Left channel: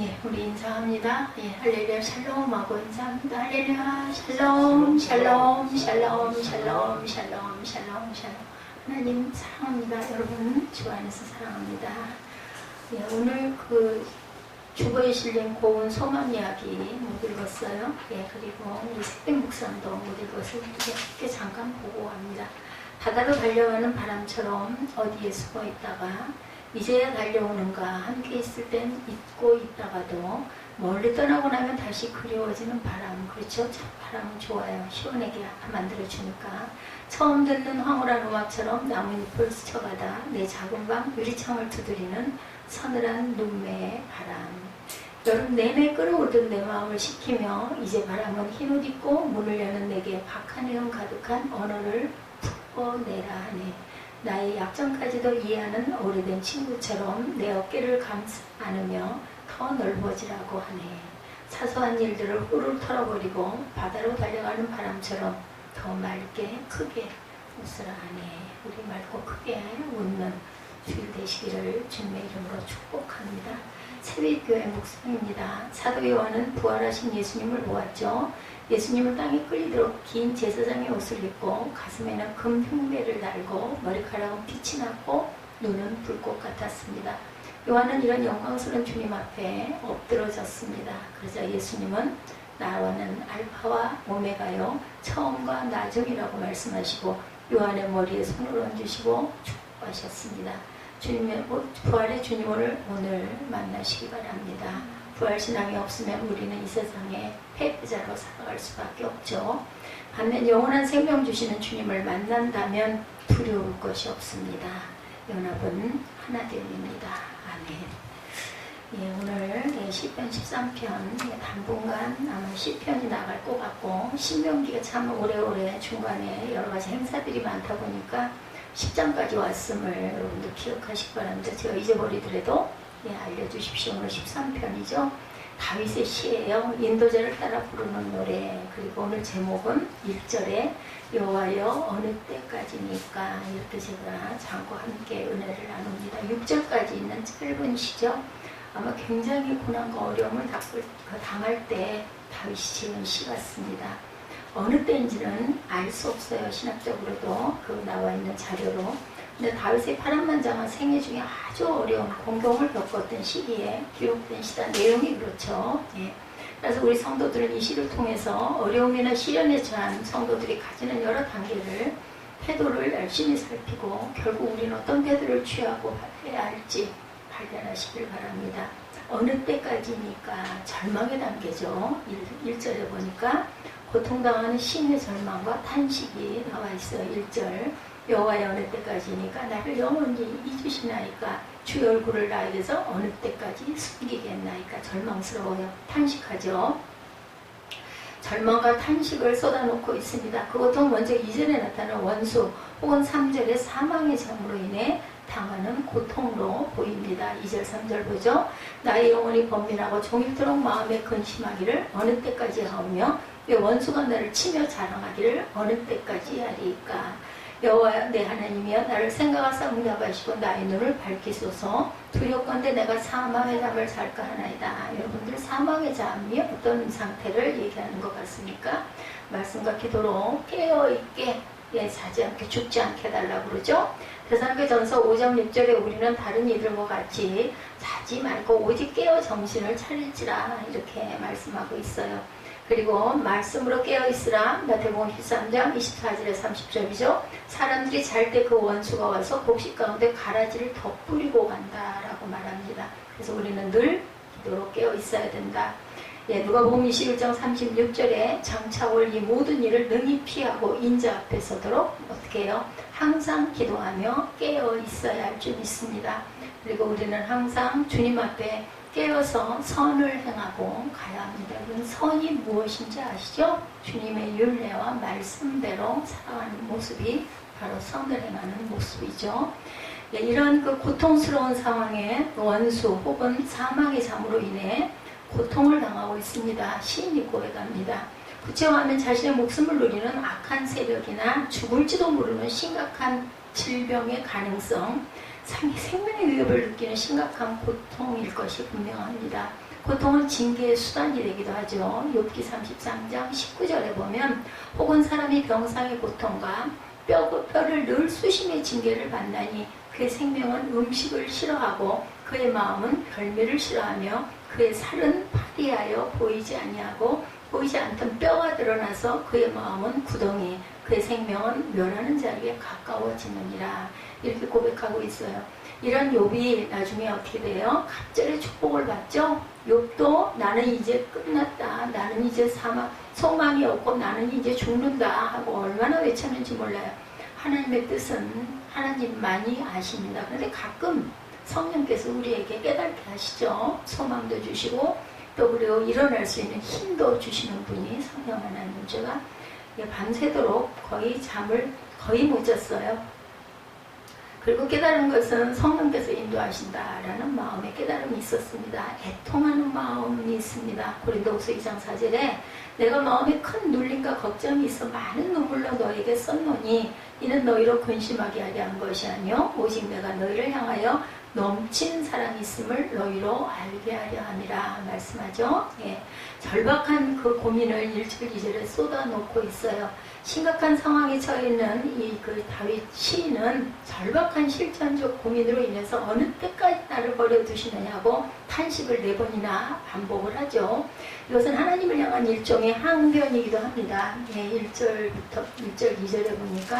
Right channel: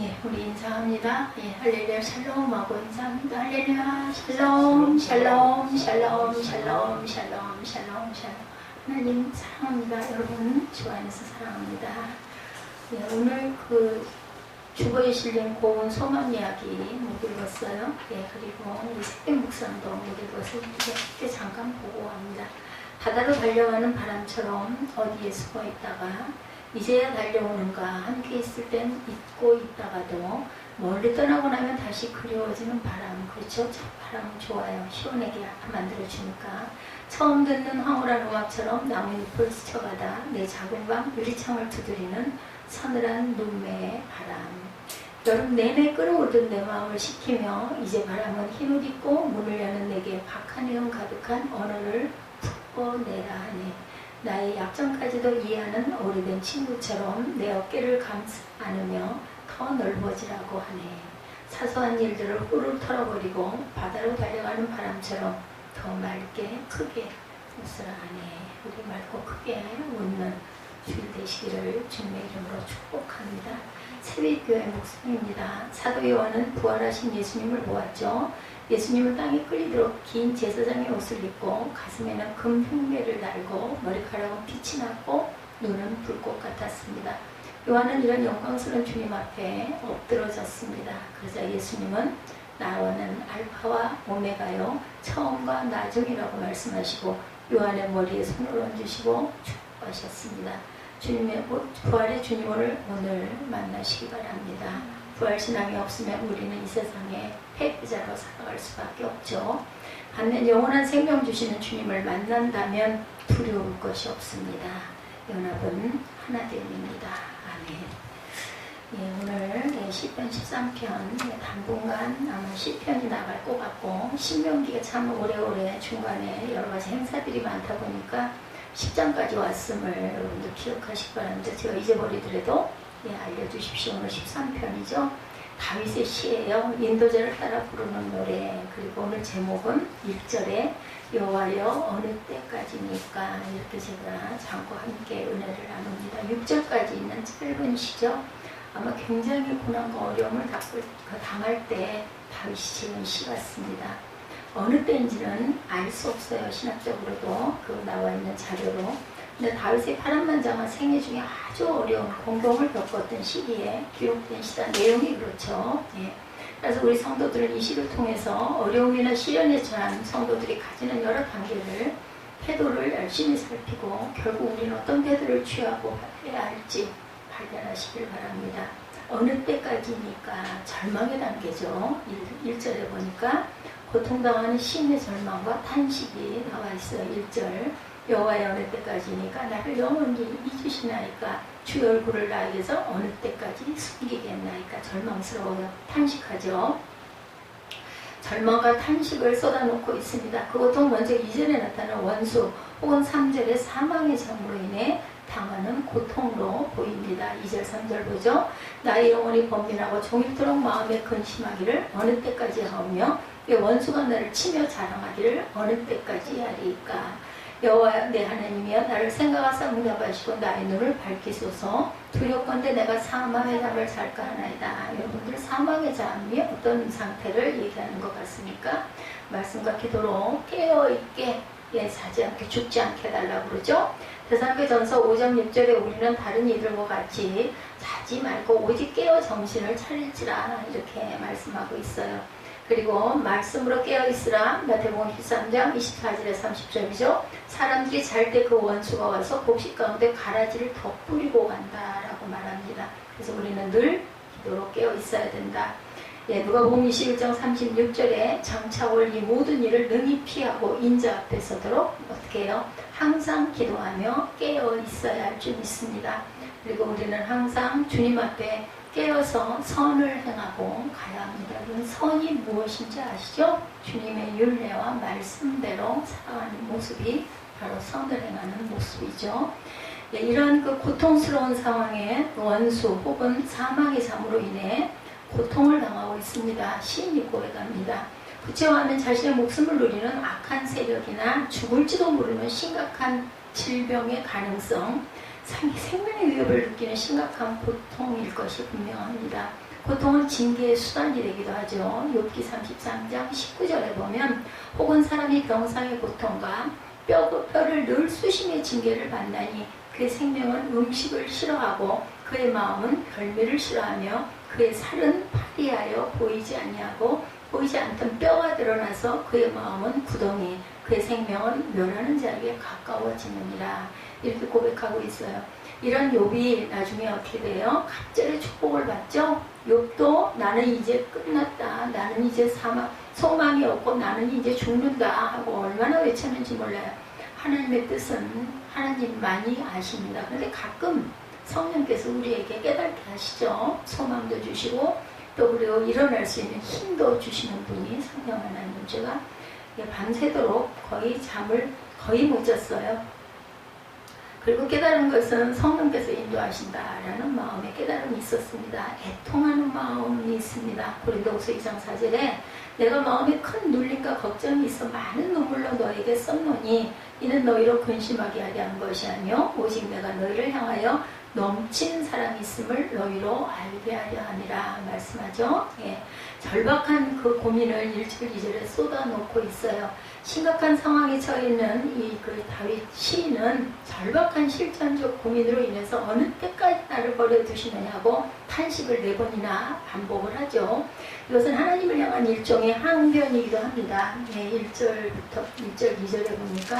예, 우리 인사합니다. 예, 할렐루야 샬롬 하고 인사합니다. 할렐루야 샬롬 샬롬 샬롬 샬롬 샬롬 샬롬 샬롬. 하나님 사랑합니다. 여러분 주 안에서 사랑합니다. 예, 오늘 주보에 실린 고운 소망 이야기 못 읽었어요. 예, 그리고 우리 새벽 묵상도 못 읽어서 이렇게 잠깐 보고 합니다. 바다로 달려가는 바람처럼 어디에 숨어 있다가 이제야 달려오는가, 함께 있을 땐 잊고 있다가도 멀리 떠나고 나면 다시 그리워지는 바람. 그렇죠? 참 바람은 좋아요. 시원하게 만들어주니까. 처음 듣는 황홀한 음악처럼 나뭇잎을 스쳐가다 내 작은 방 유리창을 두드리는 서늘한 눈매의 바람. 여름 내내 끓어오던 내 마음을 식히며 이제 바람은 흰옷 입고 문을 여는 내게 박한 내용 가득한 언어를 풀어내라 하네. 나의 약점까지도 이해하는 오래된 친구처럼 내 어깨를 감싸 안으며 더 넓어지라고 하네. 사소한 일들을 후루룩 털어버리고 바다로 달려가는 바람처럼 더 맑게 크게 웃으라 하네. 우리 맑고 크게 웃는 주일 되시기를 주님의 이름으로 축복합니다. 새벽교회 목사입니다. 사도 요한은 부활하신 예수님을 보았죠. 예수님은 땅에 끌리도록 긴 제사장의 옷을 입고 가슴에는 금 흉배를 달고 머리카락은 빛이 났고 눈은 불꽃 같았습니다. 요한은 이런 영광스러운 주님 앞에 엎드러졌습니다. 그러자 예수님은 나와는 알파와 오메가요 처음과 나중이라고 말씀하시고 요한의 머리에 손을 얹으시고 축복하셨습니다. 주님의 부활의 주님을 오늘 만나시기 바랍니다. 부활신앙이 없으면 우리는 이 세상에 패배자로 살아갈 수밖에 없죠. 반면 영원한 생명 주시는 주님을 만난다면 두려울 것이 없습니다. 연합은 하나됨입니다. 아멘. 예, 오늘 시편 13편 당분간 아마 시편이 나갈 것 같고 신명기가 참 오래오래 중간에 여러 가지 행사들이 많다 보니까 10장까지 왔음을 여러분들 기억하시기 바랍니다. 제가 잊어버리더라도 알려주십시오. 오늘 13편이죠. 다윗의 시예요. 인도자를 따라 부르는 노래. 그리고 오늘 제목은 1절에 여호와여 어느 때까지니까 이렇게 제가 장과 함께 은혜를 나눕니다. 6절까지 있는 짧은 시죠. 아마 굉장히 고난과 어려움을 당할 때 다윗이 지은 시 같습니다. 어느 때인지는 알 수 없어요. 신학적으로도 나와 있는 자료로. 근데 다윗의 파란만장한 생애 중에 아주 어려운 공경을 겪었던 시기에 기록된 시다. 내용이 그렇죠. 예. 그래서 우리 성도들은 이 시를 통해서 어려움이나 시련에 처한 성도들이 가지는 여러 단계를 태도를 열심히 살피고 결국 우리는 어떤 태도를 취하고 해야 할지 발견하시길 바랍니다. 어느 때까지니까 절망의 단계죠. 1절에 보니까 고통당하는 심의 절망과 탄식이 나와 있어요. 1절 여호와의 어느 때까지니까 나를 영원히 잊으시나이까 주의 얼굴을 나에게서 어느 때까지 숨기겠나이까. 절망스러워요. 탄식하죠. 절망과 탄식을 쏟아놓고 있습니다. 그 고통 먼저 이전에 나타난 원수 혹은 3절의 사망의 잠으로 인해 당하는 고통으로 보입니다. 2절 3절 보죠. 나의 영혼이 번민하고 종일토록 마음에 근심하기를 어느 때까지 하오며 원수가 나를 치며 자랑하기를 어느 때까지 하리까. 여호와 내 하나님이여 나를 생각하사 응답하시고 나의 눈을 밝히소서. 두렵건대 내가 사망의 잠을 잘까 하나이다. 여러분들 사망의 잠이 어떤 상태를 얘기하는 것 같습니까? 말씀과 기도로 깨어있게 자지 않게 죽지 않게 해달라고 그러죠. 데살로니가전서 5장 6절에 우리는 다른 이들과 같이 자지 말고 오직 깨어 정신을 차릴지라 이렇게 말씀하고 있어요. 그리고 말씀으로 깨어있으라. 마태복음 13장 24절에 30절이죠. 사람들이 잘 때 그 원수가 와서 곡식 가운데 가라지를 더 뿌리고 간다라고 말합니다. 그래서 우리는 늘 기도로 깨어있어야 된다. 누가복음 21장 36절에 장차올 이 모든 일을 능히 피하고 인자 앞에 서도록 어떻게 해요? 항상 기도하며 깨어있어야 할 줄 믿습니다. 그리고 우리는 항상 주님 앞에 깨어서 선을 행하고 가야 합니다. 여러분 선이 무엇인지 아시죠? 주님의 율례와 말씀대로 살아가는 모습이 바로 선을 행하는 모습이죠. 이런 고통스러운 상황에 원수 혹은 사망의 잠으로 인해 고통을 당하고 있습니다. 시인이 고해갑니다. 구체화하면 자신의 목숨을 노리는 악한 세력이나 죽을지도 모르는 심각한 질병의 가능성, 생명의 위협을 느끼는 심각한 고통일 것이 분명합니다. 고통은 징계의 수단이 되기도 하죠. 욥기 33장 19절에 보면 혹은 사람이 병상의 고통과 뼈를 늘 수심의 징계를 받나니 그의 생명은 음식을 싫어하고 그의 마음은 별미를 싫어하며 그의 살은 파리하여 보이지 아니하고 보이지 않던 뼈가 드러나서 그의 마음은 구덩이 그의 생명은 멸하는 자리에 가까워지느니라. 이렇게 고백하고 있어요. 이런 욥이 나중에 어떻게 돼요? 갑절의 축복을 받죠. 욥도 나는 이제 끝났다. 나는 이제 소망이 없고 나는 이제 죽는다 하고 얼마나 외쳤는지 몰라요. 하나님의 뜻은 하나님만이 아십니다. 그런데 가끔 성령께서 우리에게 깨닫게 하시죠. 소망도 주시고 또 그리고 일어날 수 있는 힘도 주시는 분이 성령 하나님. 제가 밤새도록 거의 잠을 거의 못 잤어요. 그리고 깨달은 것은 성령께서 인도하신다라는 마음의 깨달음이 있었습니다. 애통하는 마음이 있습니다. 고린도후서 2장 4절에 내가 마음에 큰 눌림과 걱정이 있어 많은 눈물로 너에게 썼노니 이는 너희로 근심하게 하려 한 것이 아니요 오직 내가 너희를 향하여 넘친 사랑이 있음을 너희로 알게 하려 함이라 말씀하죠. 예, 절박한 그 고민을 1절 2절에 쏟아놓고 있어요. 심각한 상황에 처해 있는 그 다윗 시인은 절박한 실천적 고민으로 인해서 어느 때까지 나를 버려두시느냐고 탄식을 4번이나 반복을 하죠. 이것은 하나님을 향한 일종의 항변이기도 합니다. 예, 1절부터 1절 2절에 보니까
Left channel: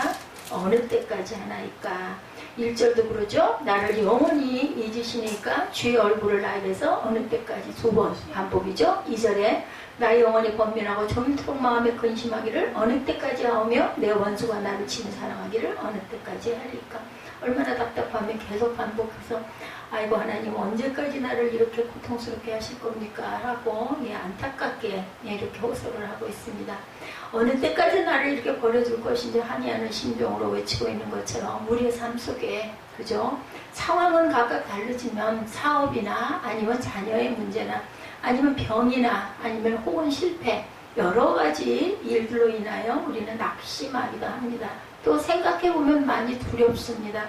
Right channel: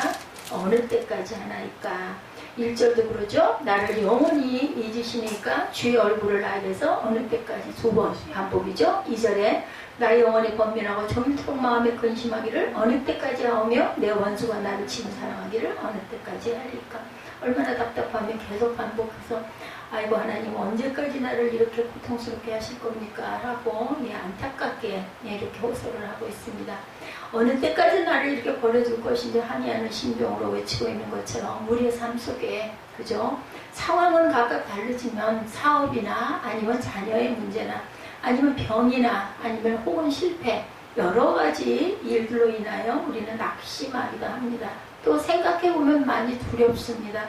어느 때까지 하나이까. 1절도 그러죠. 나를 영원히 잊으시니까 주의 얼굴을 나에게서 어느 때까지 2번 반복이죠. 2절에 나의 영혼이 번민하고 조밀토록 마음에 근심하기를 어느 때까지 하오며 내 원수가 나를 치며 사랑하기를 어느 때까지 하리까. 얼마나 답답하면 계속 반복해서 아이고 하나님 언제까지 나를 이렇게 고통스럽게 하실 겁니까? 라고 안타깝게 이렇게 호소를 하고 있습니다. 어느 때까지 나를 이렇게 버려줄 것인지 한이하는 심정으로 외치고 있는 것처럼 우리의 삶 속에 그죠? 상황은 각각 다르지만 사업이나 아니면 자녀의 문제나 아니면 병이나 아니면 혹은 실패 여러 가지 일들로 인하여 우리는 낙심하기도 합니다. 또 생각해보면 많이 두렵습니다.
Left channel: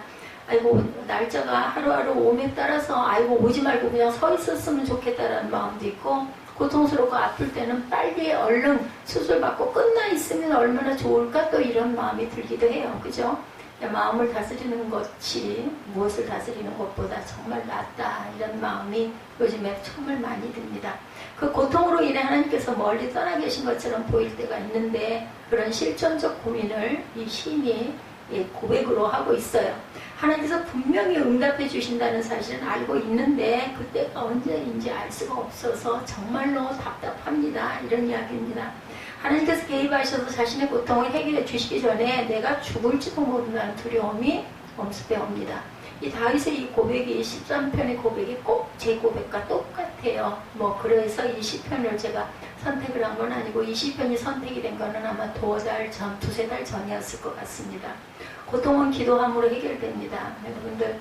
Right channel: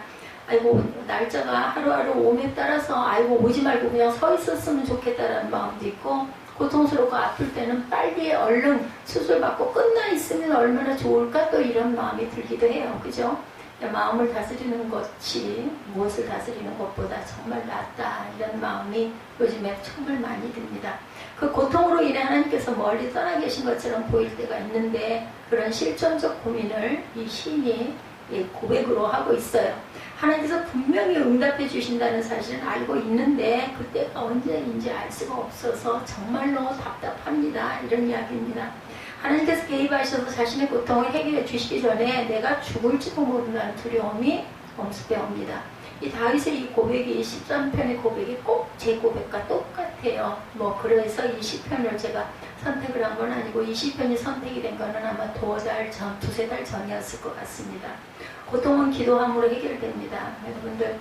아이고 날짜가 하루하루 오에 따라서 아이고 오지 말고 그냥 서 있었으면 좋겠다라는 마음도 있고 고통스럽고 아플 때는 빨리 얼른 수술받고 끝나 있으면 얼마나 좋을까 또 이런 마음이 들기도 해요. 그죠? 마음을 다스리는 것이 무엇을 다스리는 것보다 정말 낫다 이런 마음이 요즘에 정말 많이 듭니다. 그 고통으로 인해 하나님께서 멀리 떠나 계신 것처럼 보일 때가 있는데 그런 실존적 고민을 이 시인이 고백으로 하고 있어요. 하나님께서 분명히 응답해 주신다는 사실은 알고 있는데 그때가 언제인지 알 수가 없어서 정말로 답답합니다. 이런 이야기입니다. 하나님께서 개입하셔서 자신의 고통을 해결해 주시기 전에 내가 죽을지도 모른다는 두려움이 엄습해 옵니다. 이 다윗의 이 고백이 13편의 고백이 꼭 제 고백과 똑같아요. 그래서 이 시편을 제가 선택을 한 건 아니고 이 시편이 선택이 된 거는 아마 두세 달 전이었을 것 같습니다. 고통은 기도함으로 해결됩니다. 여러분들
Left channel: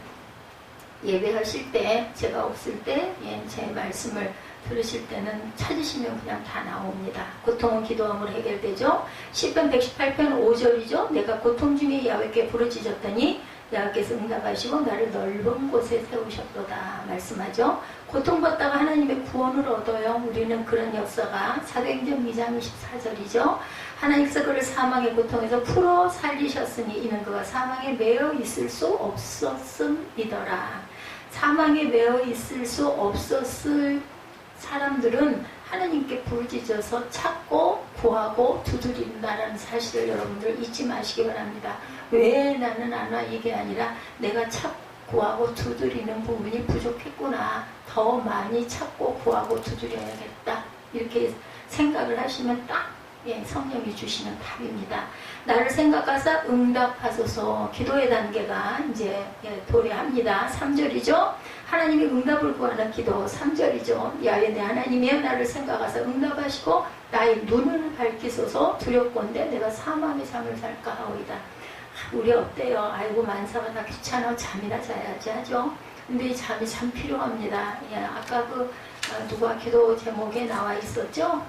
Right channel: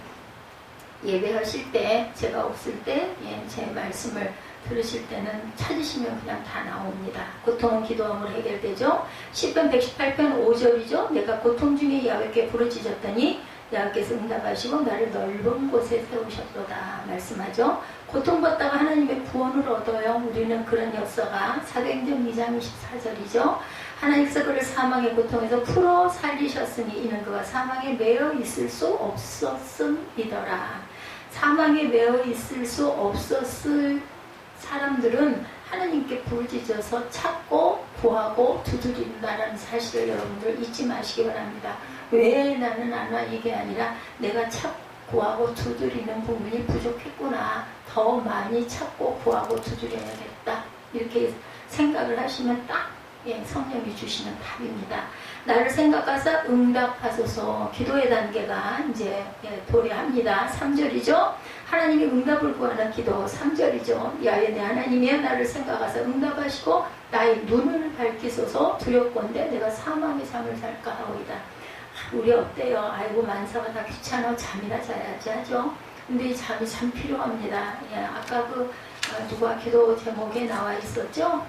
예배하실 때 제가 없을 때 제 말씀을 들으실 때는 찾으시면 그냥 다 나옵니다. 고통은 기도함으로 해결되죠. 시편 118편 5절이죠. 내가 고통 중에 야훼께 부르짖었더니 야훼께서 응답하시고 나를 넓은 곳에 세우셨도다 말씀하죠. 고통받다가 하나님의 구원을 얻어요. 우리는 그런 역사가 사도행전 2장 24절이죠. 하나님께서 그를 사망의 고통에서 풀어 살리셨으니 이는 그가 사망에 매여 있을 수 없었음이더라. 사망에 매여 있을 수 없었을 사람들은 하나님께 부르짖어서 찾고 구하고 두드린다라는 사실을 여러분들 잊지 마시기 바랍니다. 왜 나는 안 와? 이게 아니라 내가 찾고 구하고 두드리는 부분이 부족했구나. 더 많이 찾고 구하고 두드려야겠다. 이렇게 생각을 하시면 딱 성령이 주시는 답입니다. 나를 생각하사 응답하소서. 기도의 단계가 이제 도래합니다. 3절이죠. 하나님이 응답을 구하는 기도 3절이죠. 야훼 내 하나님이여 나를 생각하사 응답하시고 나의 눈을 밝히소서. 두렵건대 내가 사망의 잠을 잘까 하오이다. 우리 어때요? 아이고 만사가 다 귀찮아 잠이나 자야지 하죠. 근데 이 잠이 참 필요합니다. 아까 누가 기도 제목에 나와 있었죠?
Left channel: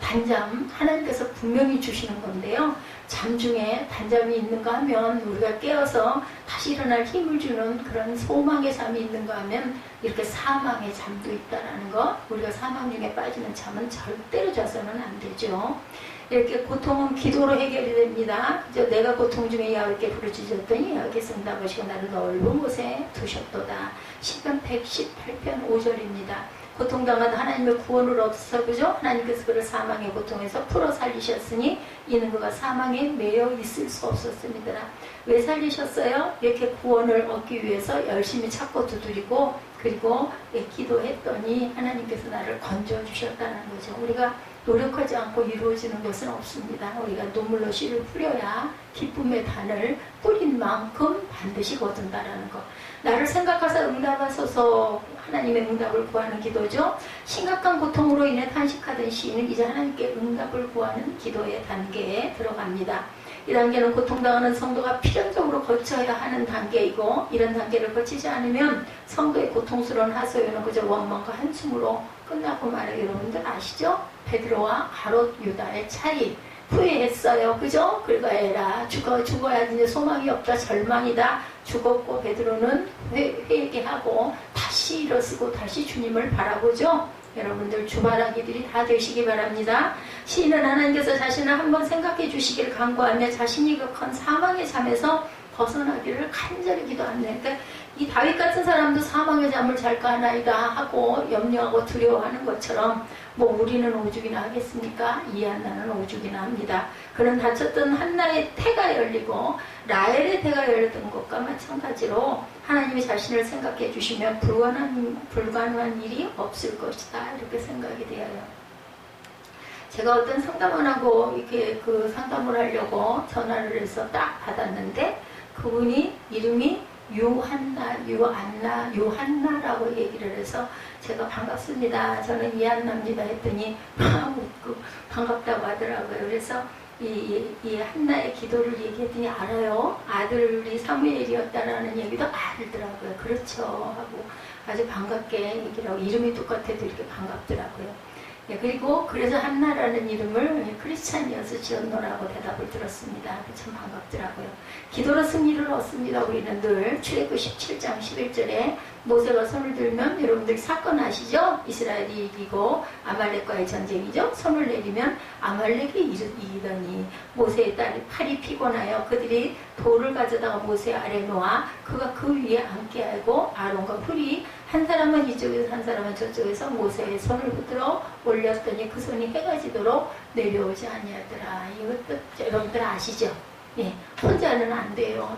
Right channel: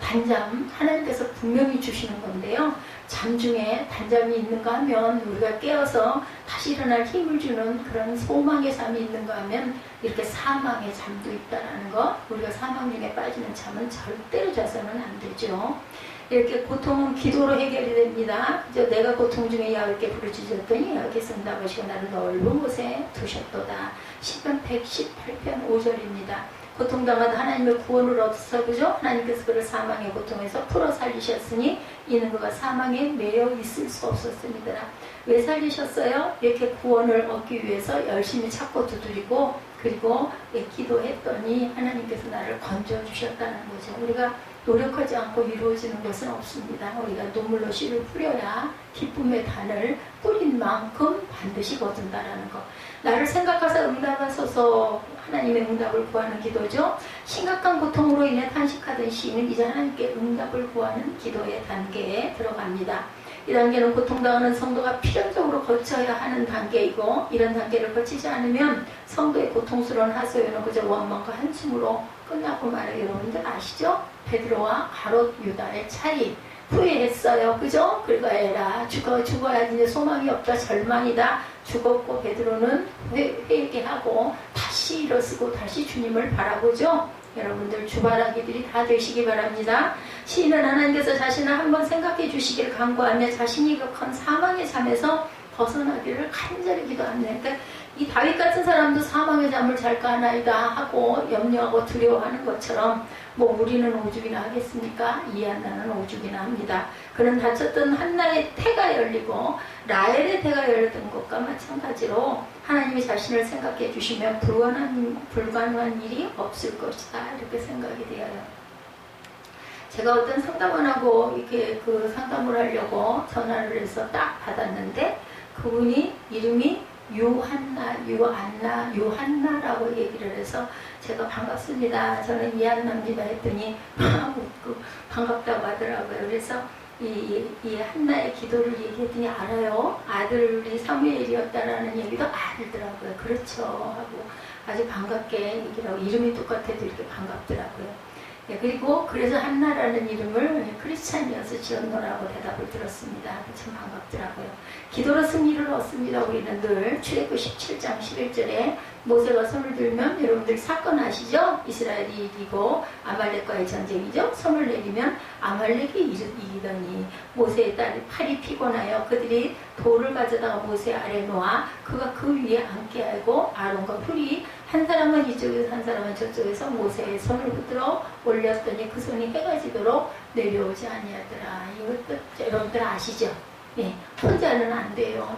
단잠 하나님께서 분명히 주시는 건데요. 잠 중에 단잠이 있는가 하면 우리가 깨어서 다시 일어날 힘을 주는 그런 소망의 잠이 있는가 하면 이렇게 사망의 잠도 있다는 거. 우리가 사망 중에 빠지는 잠은 절대로 자서는 안 되죠. 이렇게 고통은 기도로 해결이 됩니다. 이제 내가 고통 중에 야곱께 부르짖었더니 야곱께서 응답하시고 나를 넓은 곳에 두셨도다. 시편 118편 5절입니다. 고통당한 하나님의 구원을 얻어서 그죠? 하나님께서 그를 사망의 고통에서 풀어 살리셨으니 이는 그가 사망에 매여 있을 수 없었습니다. 왜 살리셨어요? 이렇게 구원을 얻기 위해서 열심히 찾고 두드리고 그리고 기도했더니 하나님께서 나를 건져주셨다는 거죠. 우리가 노력하지 않고 이루어지는 것은 없습니다. 우리가 눈물로 씨를 뿌려야 기쁨의 단을 뿌린 만큼 반드시 거둔다라는 것. 나를 생각하사 응답하소서 하나님의 응답을 구하는 기도죠. 심각한 고통으로 인해 탄식하던 시인은 이제 하나님께 응답을 구하는 기도의 단계에 들어갑니다. 이 단계는 고통당하는 성도가 필연적으로 거쳐야 하는 단계이고 이런 단계를 거치지 않으면 성도의 고통스러운 하소연은 그저 원망과 한숨으로 끝나고 말아요. 여러분들 아시죠? 베드로와 가롯 유다의 차이. 후회했어요. 그죠? 긁어야라. 죽어야지 이제 소망이 없다. 절망이다. 죽었고 베드로는 회개하고 다시 일어서고 다시 주님을 바라보죠. 여러분들 주바라기들이 다 되시기 바랍니다. 시인은 하나님께서 자신을 한번 생각해 주시기를 간구하며 자신이 겪은 사망의 잠에서 벗어나기를 간절히 기도합니다. 그러니까 이 다윗 같은 사람도 사망의 잠을 잘까 하나이다 하고 염려하고 두려워하는 것처럼 뭐 우리는 오죽이나 하겠습니까? 이 한나는 오죽이나 합니다. 그는 다쳤던 한나의 태가 열리고 라헬의 태가 열렸던 것과 마찬가지로 하나님이 자신을 생각해 주시면 불가능한 일이 없을 것이다 이렇게 생각이 되어요. 제가 어떤 상담을 하고 이렇게 그 상담을 하려고 전화를 해서 딱 받았는데 그분이 이름이 유한나라고 얘기를 해서 제가 반갑습니다. 저는 이한나입니다 했더니 반갑다고 하더라고요. 그래서 이 한나의 기도를 얘기했더니 알아요. 아들이 사무엘이었다라는 얘기도 알더라고요. 그렇죠 하고 아주 반갑게 얘기를 하고 이름이 똑같아도 이렇게 반갑더라고요. 그리고 그래서 한나라는 이름을 크리스찬이어서 지었노라고 대답을 들었습니다. 참 반갑더라고요. 기도로 승리를 얻습니다. 우리는 늘 출애굽 17장 11절에 모세가 손을 들면 여러분들 사건 아시죠? 이스라엘이 이기고 아말렉과의 전쟁이죠. 손을 내리면 아말렉이 이기더니 모세의 딸이 팔이 피곤하여 그들이 돌을 가져다가 모세 아래 놓아 그가 그 위에 앉게 하고 아론과 훌이 한 사람은 이쪽에서 한 사람은 저쪽에서 모세의 손을 붙들어 올렸더니 그 손이 해가 지도록 내려오지 아니하더라. 이것도 여러분들 아시죠? 예, 혼자는 안 돼요.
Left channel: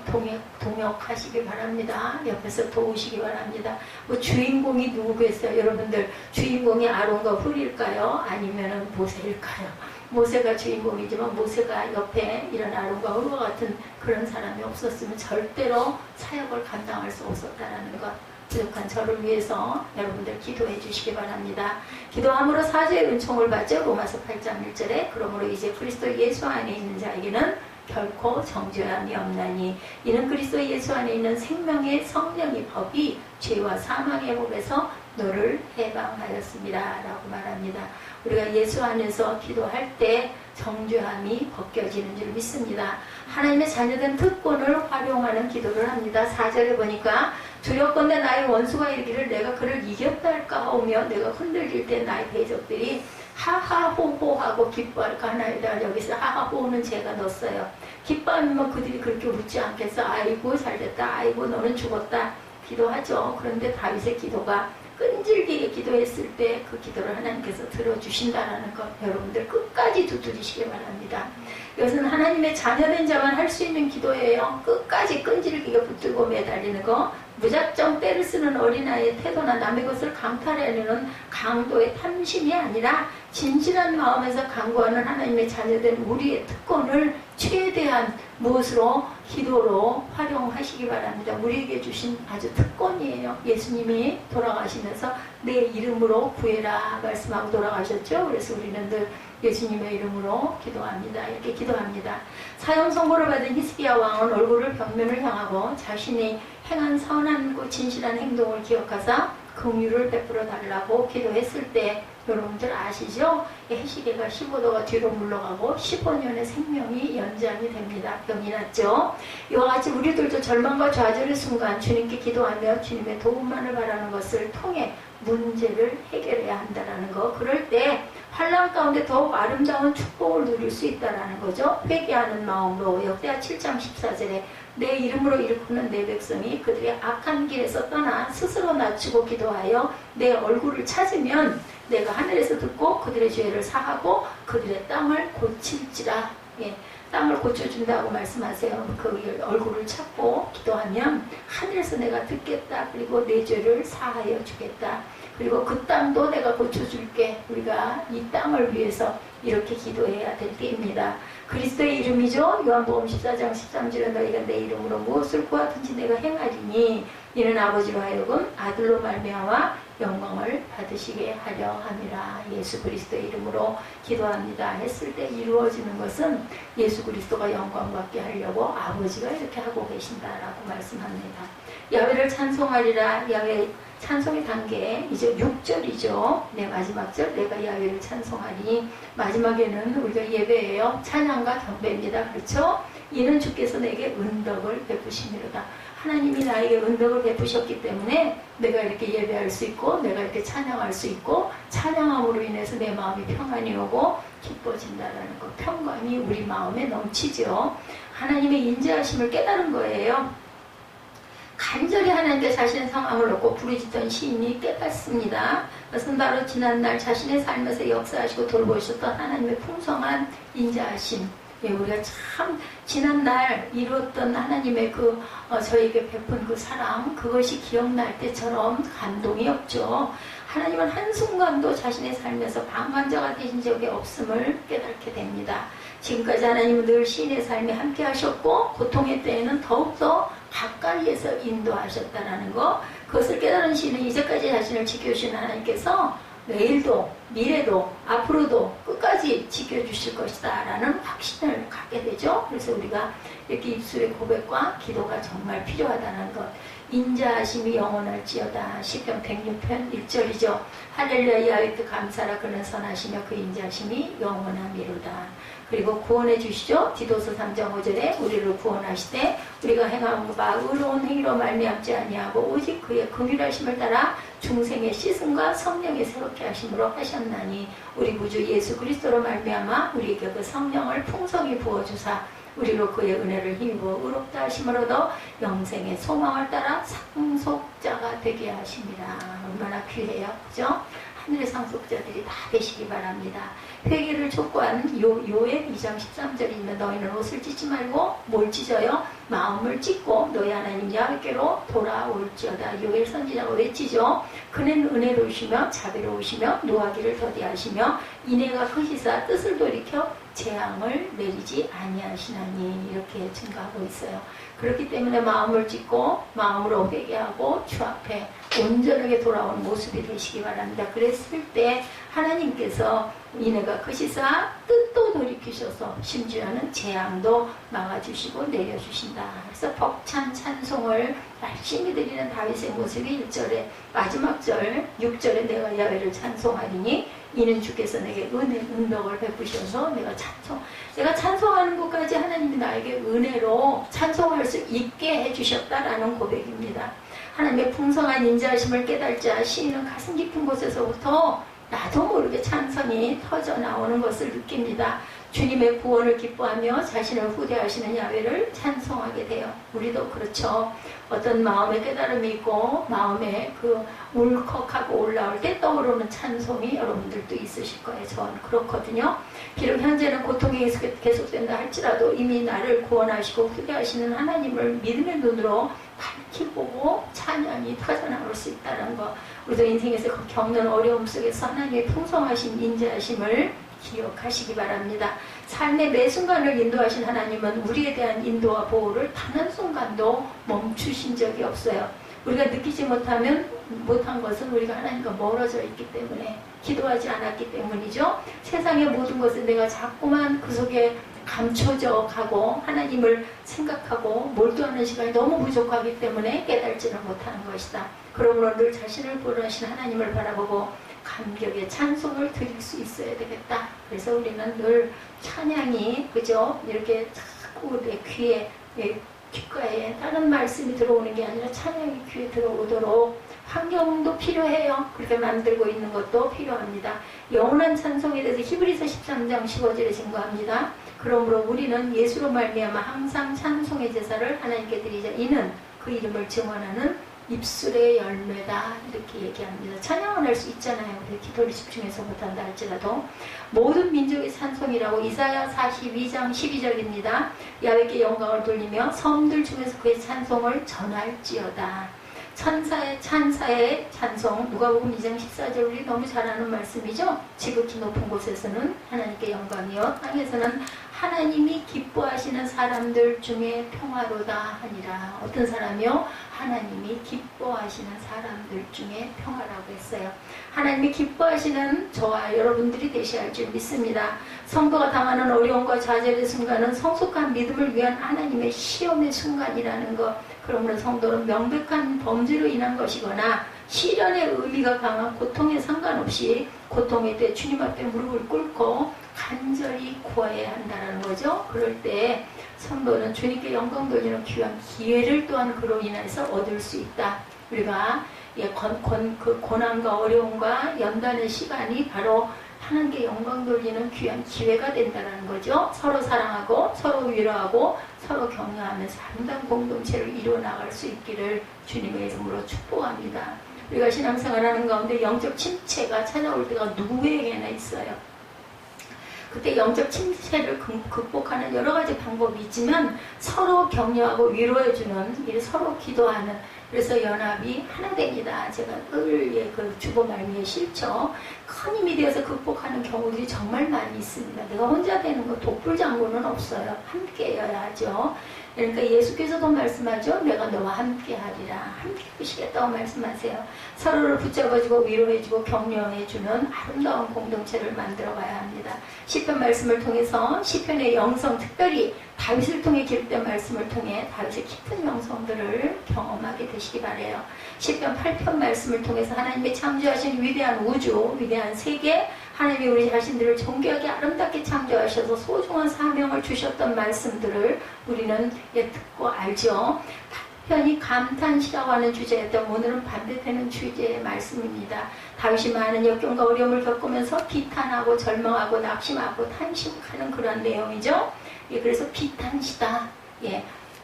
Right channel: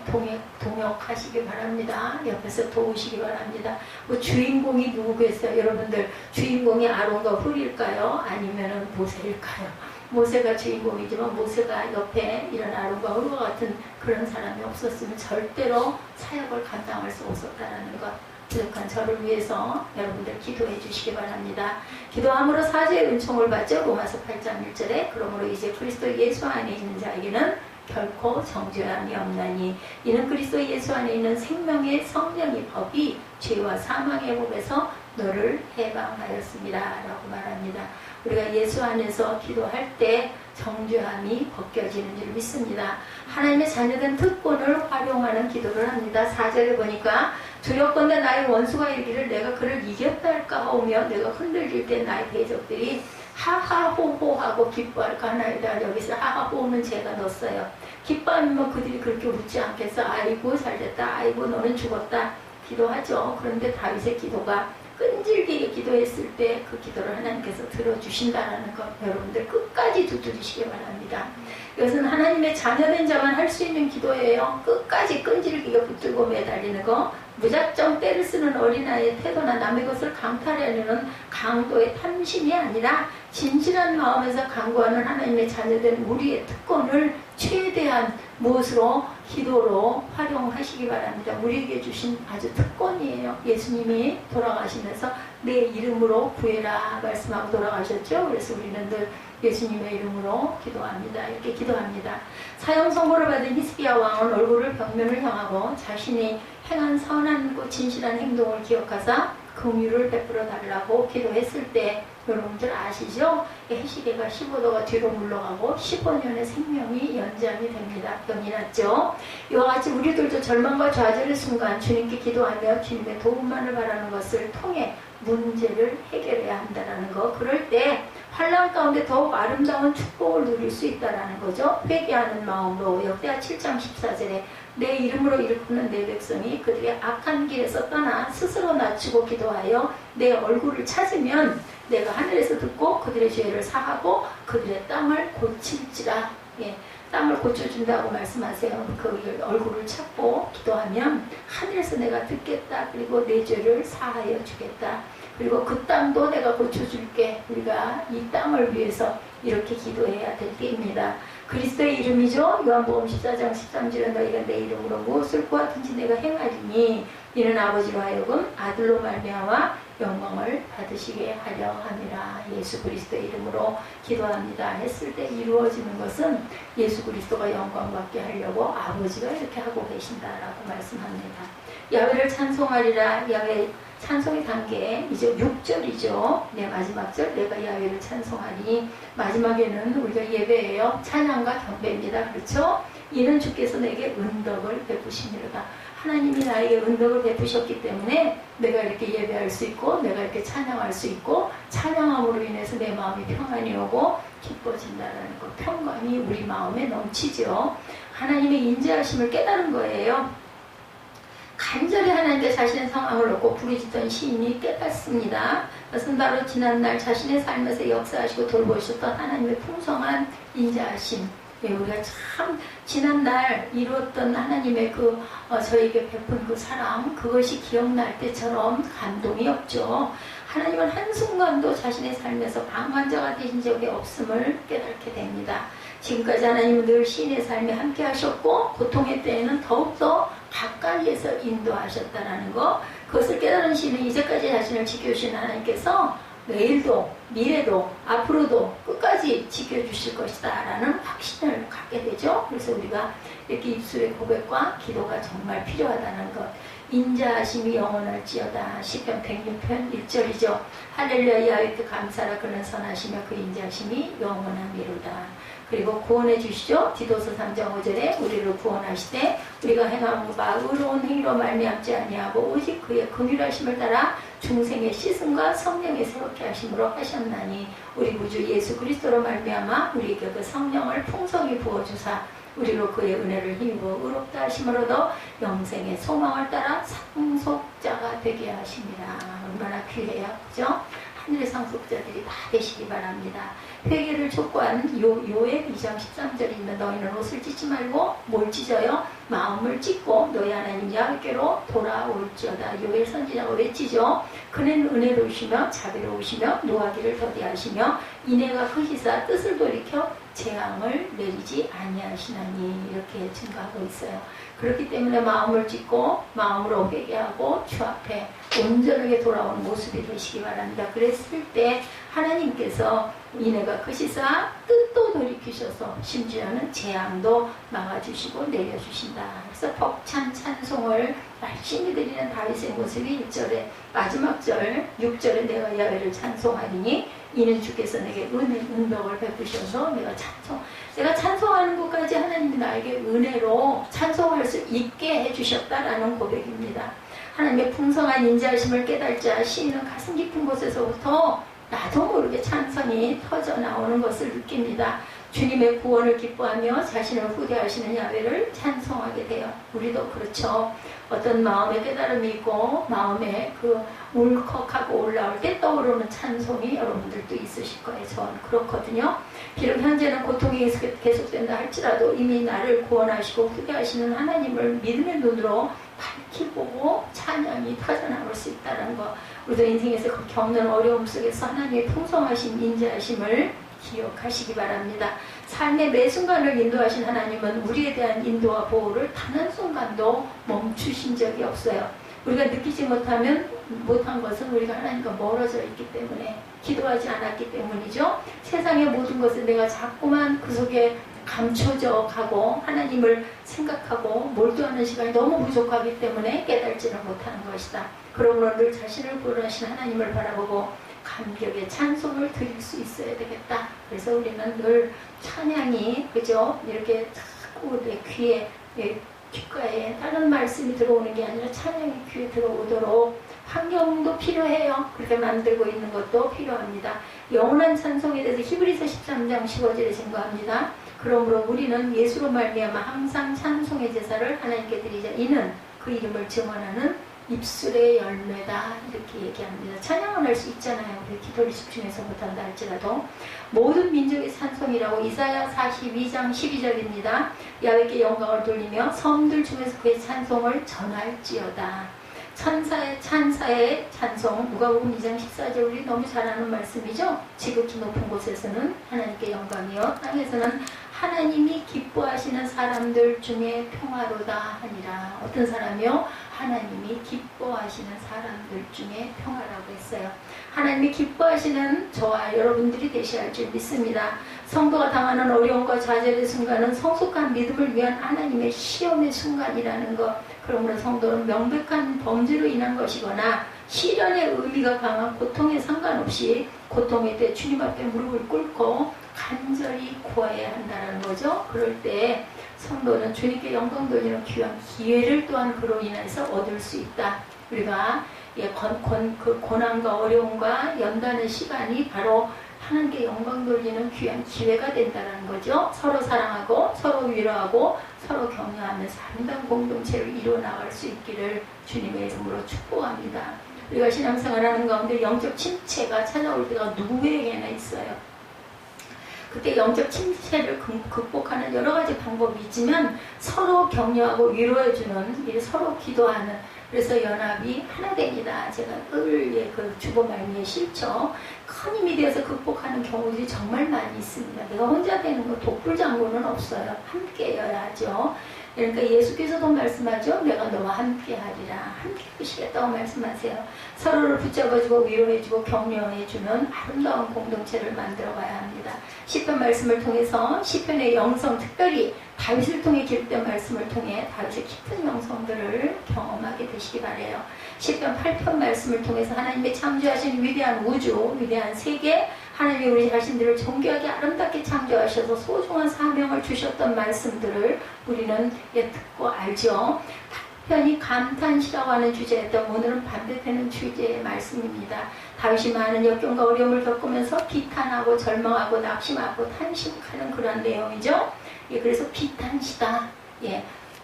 동역하시기 바랍니다. 옆에서 도우시기 바랍니다. 뭐 주인공이 누구겠어요? 여러분들 주인공이 아론과 훌일까요? 아니면 모세일까요? 모세가 주인공이지만 모세가 옆에 이런 아론과 훌과 같은 그런 사람이 없었으면 절대로 사역을 감당할 수 없었다는 것. 부족한 저를 위해서 여러분들 기도해 주시기 바랍니다. 기도함으로 사죄의 은총을 받죠. 로마서 8장 1절에 그러므로 이제 그리스도 예수 안에 있는 자에게는 결코 정죄함이 없나니 이는 그리스도 예수 안에 있는 생명의 성령의 법이 죄와 사망의 법에서 너를 해방하였습니다 라고 말합니다. 우리가 예수 안에서 기도할 때 정죄함이 벗겨지는 줄 믿습니다. 하나님의 자녀된 특권을 활용하는 기도를 합니다. 4절에 보니까 두렵건대 나의 원수가 이르기를 내가 그를 이겼다 할까 하오며 내가 흔들릴 때 나의 대적들이 하하호호하고 기뻐할까 하나이다. 여기서 하하호호는 제가 넣었어요. 기뻐하면 그들이 그렇게 웃지 않겠어. 아이고 잘됐다. 아이고 너는 죽었다. 기도하죠. 그런데 다윗의 기도가 끈질기게 기도했을 때 그 기도를 하나님께서 들어주신다는 것 여러분들 끝까지 두드리시기 바랍니다. 이것은 하나님의 자녀된 자만 할 수 있는 기도예요. 끝까지 끈질기게 붙들고 매달리는 거. 무작정 때를 쓰는 어린아이의 태도나 남의 것을 강탈하려는 강도의 탐심이 아니라 진실한 마음에서 간구하는 하나님의 자녀된 우리의 특권을 최대한 무엇으로? 기도로 활용하시기 바랍니다. 우리에게 주신 아주 특권이에요. 예수님이 돌아가시면서 내 이름으로 구해라 말씀하고 돌아가셨죠. 그래서 우리는 늘 예수님의 이름으로 기도합니다. 이렇게 기도합니다. 사형 선고를 받은 히스기야 왕은 얼굴을 벽면을 향하고 자신이 행한 선한 고 진실한 행동을 기억하사 긍휼을 베풀어 달라고 기도했을 때 여러분들 아시죠? 해시계가 15도가 뒤로 물러가고 15년의 생명이 연장이 됩니다. 병이 났죠? 이와 같이 우리들도 절망과 좌절의 순간 주님께 기도하며 주님의 도움만을 바라는 것을 통해 문제를 해결해야 한다는 거. 그럴 때 환난 가운데 더욱 아름다운 축복을 누릴 수 있다는 거죠. 회개하는 마음으로 역대하 7장 14절에 내 이름으로 일컫는 내 백성이 그들의 악한 길에서 떠나 스스로 낮추고 기도하여 내 얼굴을 찾으면 내가 하늘에서 듣고 그들의 죄를 사하고 그들의 땅을 고칠지라. 예, 땅을 고쳐준다고 말씀하세요. 그 얼굴을 찾고 기도하면 하늘에서 내가 듣겠다. 그리고 내 죄를 사하여 주겠다. 그리고 그 땅도 내가 고쳐줄게. 우리가 이 땅을 위해서 이렇게 기도해야 될 때입니다. 그리스도의 이름이죠. 요한복음 14장 13절에 너희가 내 이름으로 무엇을 구하든지 내가 행하리니 이는 아버지로 하여금 아들로 말미암아 영광을 받으시게 하려 함이라. 예수 그리스도의 이름으로 기도합니다 했을 때 이루어지는 것은 예수 그리스도가 영광 받게 하려고 아버지가 이렇게 하고 계신다라고 말씀합니다. 야훼를 찬송하리라. 야훼 찬송의 단계 이제 6절이죠. 네, 마지막 절 내가 야훼를 찬송하니 마지막에는 우리가 예배예요. 찬양과 경배입니다. 그렇죠? 이는 주께서 내게 은덕을 베푸시니로다. 하나님이 나에게 은덕을 베푸셨기 때문에 내가 이렇게 예배할 수 있고 내가 이렇게 찬양할 수 있고 찬양함으로 인해서 내 마음이 평안이 오고 기뻐진다는 것. 평강이 우리 마음에 넘치죠. 하나님의 인자하심을 깨달은 거예요. 간절히 하나님께 자신의 상황을 놓고 부르짖던 시인이 깨닫습니다. 그것은 바로 지난날 자신의 삶에서 역사하시고 돌보셨던 하나님의 풍성한 인자하심. 예, 우리가 참 지난날 이루었던 하나님의 저에게 베푼 그 사랑, 그것이 기억날 때처럼 감동이 없죠. 하나님은 한순간도 자신의 삶에서 방관자가 되신 적이 없음을 깨닫게 됩니다. 지금까지 하나님은 늘 시인의 삶에 함께 하셨고 고통의 때에는 더욱더 가까이에서 인도하셨다는 거. 그것을 깨달은 시인은 이제까지 자신을 지켜주신 하나님께서 내일도 미래도 앞으로도 끝까지 지켜주실 것이다 라는 확신을 갖게 되죠. 그래서 우리가 이렇게 입술의 고백과 기도가 정말 필요하다는 것. 인자하심이 영원할지어다. 시편 106편 1절이죠. 할렐루야 야훼께 감사라. 그는 선하시며 그 인자하심이 영원함이로다. 그리고 구원해 주시죠. 디도서 3장 5절에 우리를 구원하시되 우리가 행한 바 의로운 행위로 말미암지 아니하고 오직 그의 긍휼하심을 따라 중생의 씻음과 성령의 새롭게 하심으로 하셨나니 우리 구주 예수 그리스도로 말미암아 우리에게 그 성령을 풍성히 부어주사 우리로 그의 은혜를 힘입어 의롭다 하심으로도 영생의 소망을 따라 상속자가 되게 하십니다. 얼마나 귀해요. 그죠? 하늘의 상속자들이 다 되시기 바랍니다. 회개를 촉구한 요엘 2장 13절입니다. 너희는 옷을 찢지 말고 뭘 찢어요? 마음을 찢고 너희 하나님 야훼께로 돌아올지어다. 요엘 선지자가 외치죠. 그는 은혜로우시며 자비로우시며 노하기를 더디하시며 인애가 크시사 뜻을 돌이켜 재앙을 내리지 아니하시나니 이렇게 증가하고 있어요. 그렇기 때문에 마음을 찢고 마음으로 회개하고 주 앞에 온전하게 돌아오는 모습이 되시기 바랍니다. 그랬을 때 하나님께서 인애가 크시사 뜻도 돌이키셔서 심지어는 재앙도 막아주시고 내려주신다. 그래서 벅찬 찬송을 열심히 드리는 다윗의 모습이 1절에 마지막 절 6절에 내가 야훼를 찬송하리니 이는 주께서 내게 은덕을 베푸셔서 내가 찬송하는 것까지 하나님이 나에게 은혜로 찬송할 수 있게 해주셨다라는 고백입니다. 하나님의 풍성한 인자하심을 깨달자 시인은 가슴 깊은 곳에서부터 나도 모르게 찬성이 터져 나오는 것을 느낍니다. 주님의 구원을 기뻐하며 자신을 후대하시는 야훼를 찬송하게 돼요. 우리도 그렇죠. 어떤 마음의 깨달음이 있고 마음에 울컥하고 올라올 때 떠오르는 찬송이 여러분들도 있으실 거예요. 전 그렇거든요. 비록 현재는 고통이 계속된다 할지라도 이미 나를 구원하시고 후대하시는 하나님을 믿음의 눈으로 밝히 보고 찬양이 터져나올 수 있다는 거. 우리도 인생에서 그 겪는 어려움 속에서 하나님의 풍성하신 인자하심을 기억하시기 바랍니다. 삶의 매 순간을 인도하신 하나님은 우리에 대한 인도와 보호를 단 한순간도 멈추신 적이 없어요. 우리가 느끼지 못한 것은 우리가 하나님과 멀어져 있기 때문에 기도하지 않았기 때문이죠. 세상의 모든 것은 내가 자꾸만 그 속에 감춰져 가고 하나님을 생각하고 몰두하는 시간이 너무 부족하기 때문에 깨달지를 못하는 것이다. 그러므로 늘 자신을 구원하신 하나님을 바라보고 감격의 찬송을 드릴 수 있어야 되겠다. 그래서 우리는 늘 찬양이 그죠? 이렇게 자꾸 내 귀에 귓가에 다른 말씀이 들어오는 게 아니라 찬양이 귀에 들어오도록 환경도 필요해요. 그렇게 만들고 있는 것도 필요합니다. 영원한 찬송에 대해서 히브리서 13장 15절에 증거합니다. 그러므로 우리는 예수로 말미암아 항상 찬송의 제사를 하나님께 드리자. 이는 그 이름을 증언하는 입술의 열매다. 이렇게 얘기합니다. 찬양은 할 수 있잖아요. 우리 기도를 집중해서 못한다 할지라도. 모든 민족의 찬송이라고 이사야 42장 12절입니다. 야훼께 영광을 돌리며 섬들 중에서 그의 찬송을 전할지어다. 찬사의 찬송, 누가복음 2장 14절 우리 너무 잘 아는 말씀이죠. 지극히 높은 곳에서는 하나님께 영광이요 땅에서는 하나님이 기뻐하시는 사람들 중에 평화로다 하니라. 어떤 사람이요? 하나님이 기뻐하시는 사람들 중에 평화라고 했어요. 하나님이 기뻐하시는 저와 여러분들이 되셔야 할 줄 믿습니다. 성도가 당하는 어려움과 좌절의 순간은 성숙한 믿음을 위한 하나님의 시험의 순간이라는 것. 그러므로 성도는 명백한 범죄로 인한 것이거나 시련의 의미가 강한 고통에 상관없이 고통에 대해 주님 앞에 무릎을 꿇고 간절히 구해야 한다는 거죠. 그럴 때 성도는 주님께 영광 돌리는 귀한 기회를 또한 그로 인해서 얻을 수 있다. 우리가 그 고난과 어려움과 연단의 시간이 바로 하나님께 영광 돌리는 귀한 기회가 된다는 거죠. 서로 사랑하고 서로 위로하고 서로 격려하면서 아름다운 공동체를 이루어나갈 수 있기를 주님의 이름으로 축복합니다. 우리가 신앙생활하는 가운데 영적 침체가 찾아올 때가 누구에게나 있어요. 그때 영적 침체를 극복하는 여러 가지 방법이 있지만 서로 격려하고 위로해주는, 서로 기도하는, 그래서 연합이 하나 됩니다. 제가 늘 그 주보 말미에 실죠. 큰 힘이 되어서 극복하는 경우들이 정말 많이 있습니다. 내가 혼자 되는 거 독불장군은 없어요. 함께여야 하죠. 그러니까 예수께서도 말씀하죠. 내가 너와 함께 하리라. 함께 하시겠다고 말씀하세요. 서로를 붙잡아주고 위로해주고 격려해주는 아름다운 공동체를 만들어가야 합니다. 시편 말씀을 통해서 시편의 영성, 특별히 다윗을 통해 기록된 말씀을 통해 다윗의 깊은 영성들을 경험하게 되시기 바라요. 시편 8편 말씀을 통해서 하나님의 창조하신 위대한 우주, 위대한 세계, 하나님이 우리 자신들을 존귀하게 아름답게 창조하셔서 소중한 사명을 주셨던 말씀들을 우리는 듣고 알죠. 편히 감탄시라고 하는 주제였던 오늘은 반대되는 주제의 말씀입니다. 다윗이 많은 역경과 어려움을 겪으면서 비탄하고 절망하고 낙심하고 탄식하는 그런 내용이죠. 그래서 비탄시다.